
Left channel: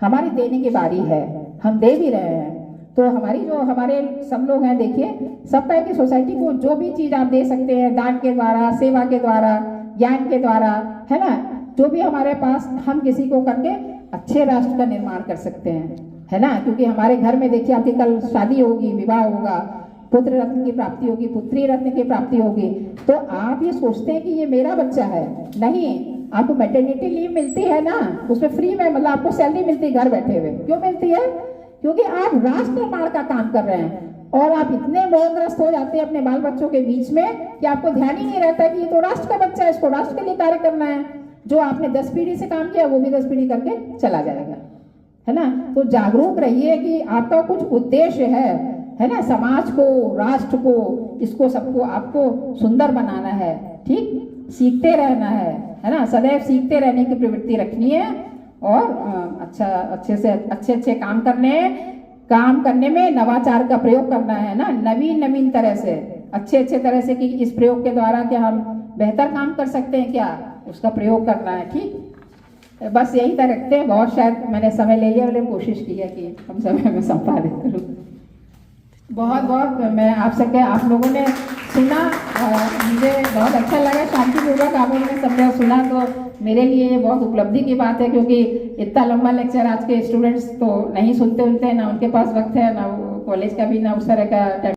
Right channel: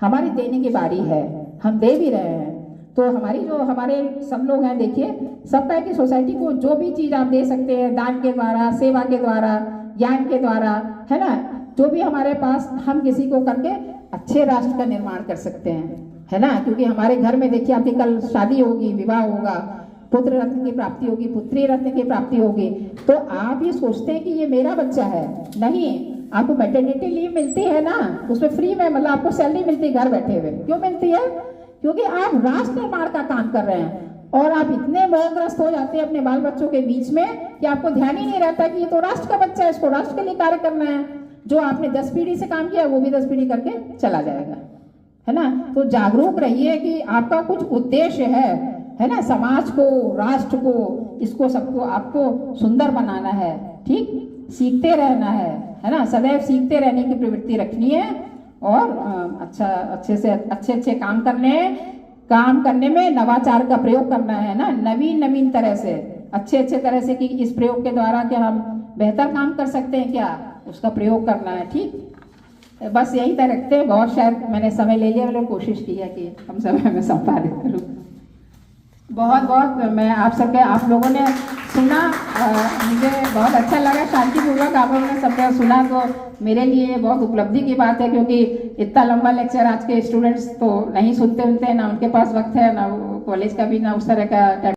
हमारी देने की बारी है, हम दे भी रहे हैं। तो हमारे सब लोग हैं, देखिए सब तरह की सोसाइटी को जो भी चीज आप दे सकते हैं, दान के द्वारा, सेवा के द्वारा, ज्ञान के द्वारा, है ना, जो भी हमारे पास, हम किसी को करके अच्छे राष्ट्र का निर्माण कर सकते हैं, है ना। क्योंकि हमारे घर में देखिए आपकी कल शादी होगी, विवाह होगा, पुत्र रत्न की प्राप्ति होगी, पुत्री रत्न की प्राप्ति होगी, तो आप ये सोचते हैं कि ये मेरा बच्चा है, नहीं, आपको मैटरनिटी लीव मिलती है ना, उसमें फ्री में, मतलब आपको सैलरी मिलती है घर बैठे हुए। क्यों मिलती है? क्योंकि आप राष्ट्र निर्माण का काम कर रहे हैं। और आप इतने मोहग्रस्त हो जाते हैं अपने बाल बच्चों के बीच में कि आपको ध्यान ही नहीं रहता कि ये तो राष्ट्र का बच्चा है, इसको राष्ट्र के लिए कार्य करना है। जो आपने 10 पीढ़ी से काम किया वो भी 10 पीढ़ी करके चला जाएगा, है ना। तो जागरूक रहिए कि आपका कुछ उद्देश्य है ना, समाज को, राष्ट्र को, इसको सबको आपको सुंदर बनाना है। ठीक, सीखते रहना है ना, सदैव सीखते रहने की प्रवृत्ति रखनी है। और अच्छे काम करने में नवाचार का प्रयोग करना है ना, नवीन तरह से, अच्छे तरह से, कि इस प्रयोग के द्वारा क्या हम बेहतर काम कर सकते हैं, क्या उसका प्रयोग करना है। ठीक, बस यही तरह रखते हैं। बहुत शायद मैंने समय ले लिया, मैंने कोशिश की है कि कम समय में संपादित करूँ। बहुत मैं आप लोगों ने सुना, मुझे बहुत अच्छा लगा, शांतिपूर्वक आप लोगों ने सब सुना, तो मेरे लिए ये बहुत उपलब्धि की बात है। क्योंकि इतना लंबा लेक्चर आज के स्टूडेंट्स तो नहीं सुनते ना उनके पास वक्त है, ना कॉलेज का भी, ना उस तरह का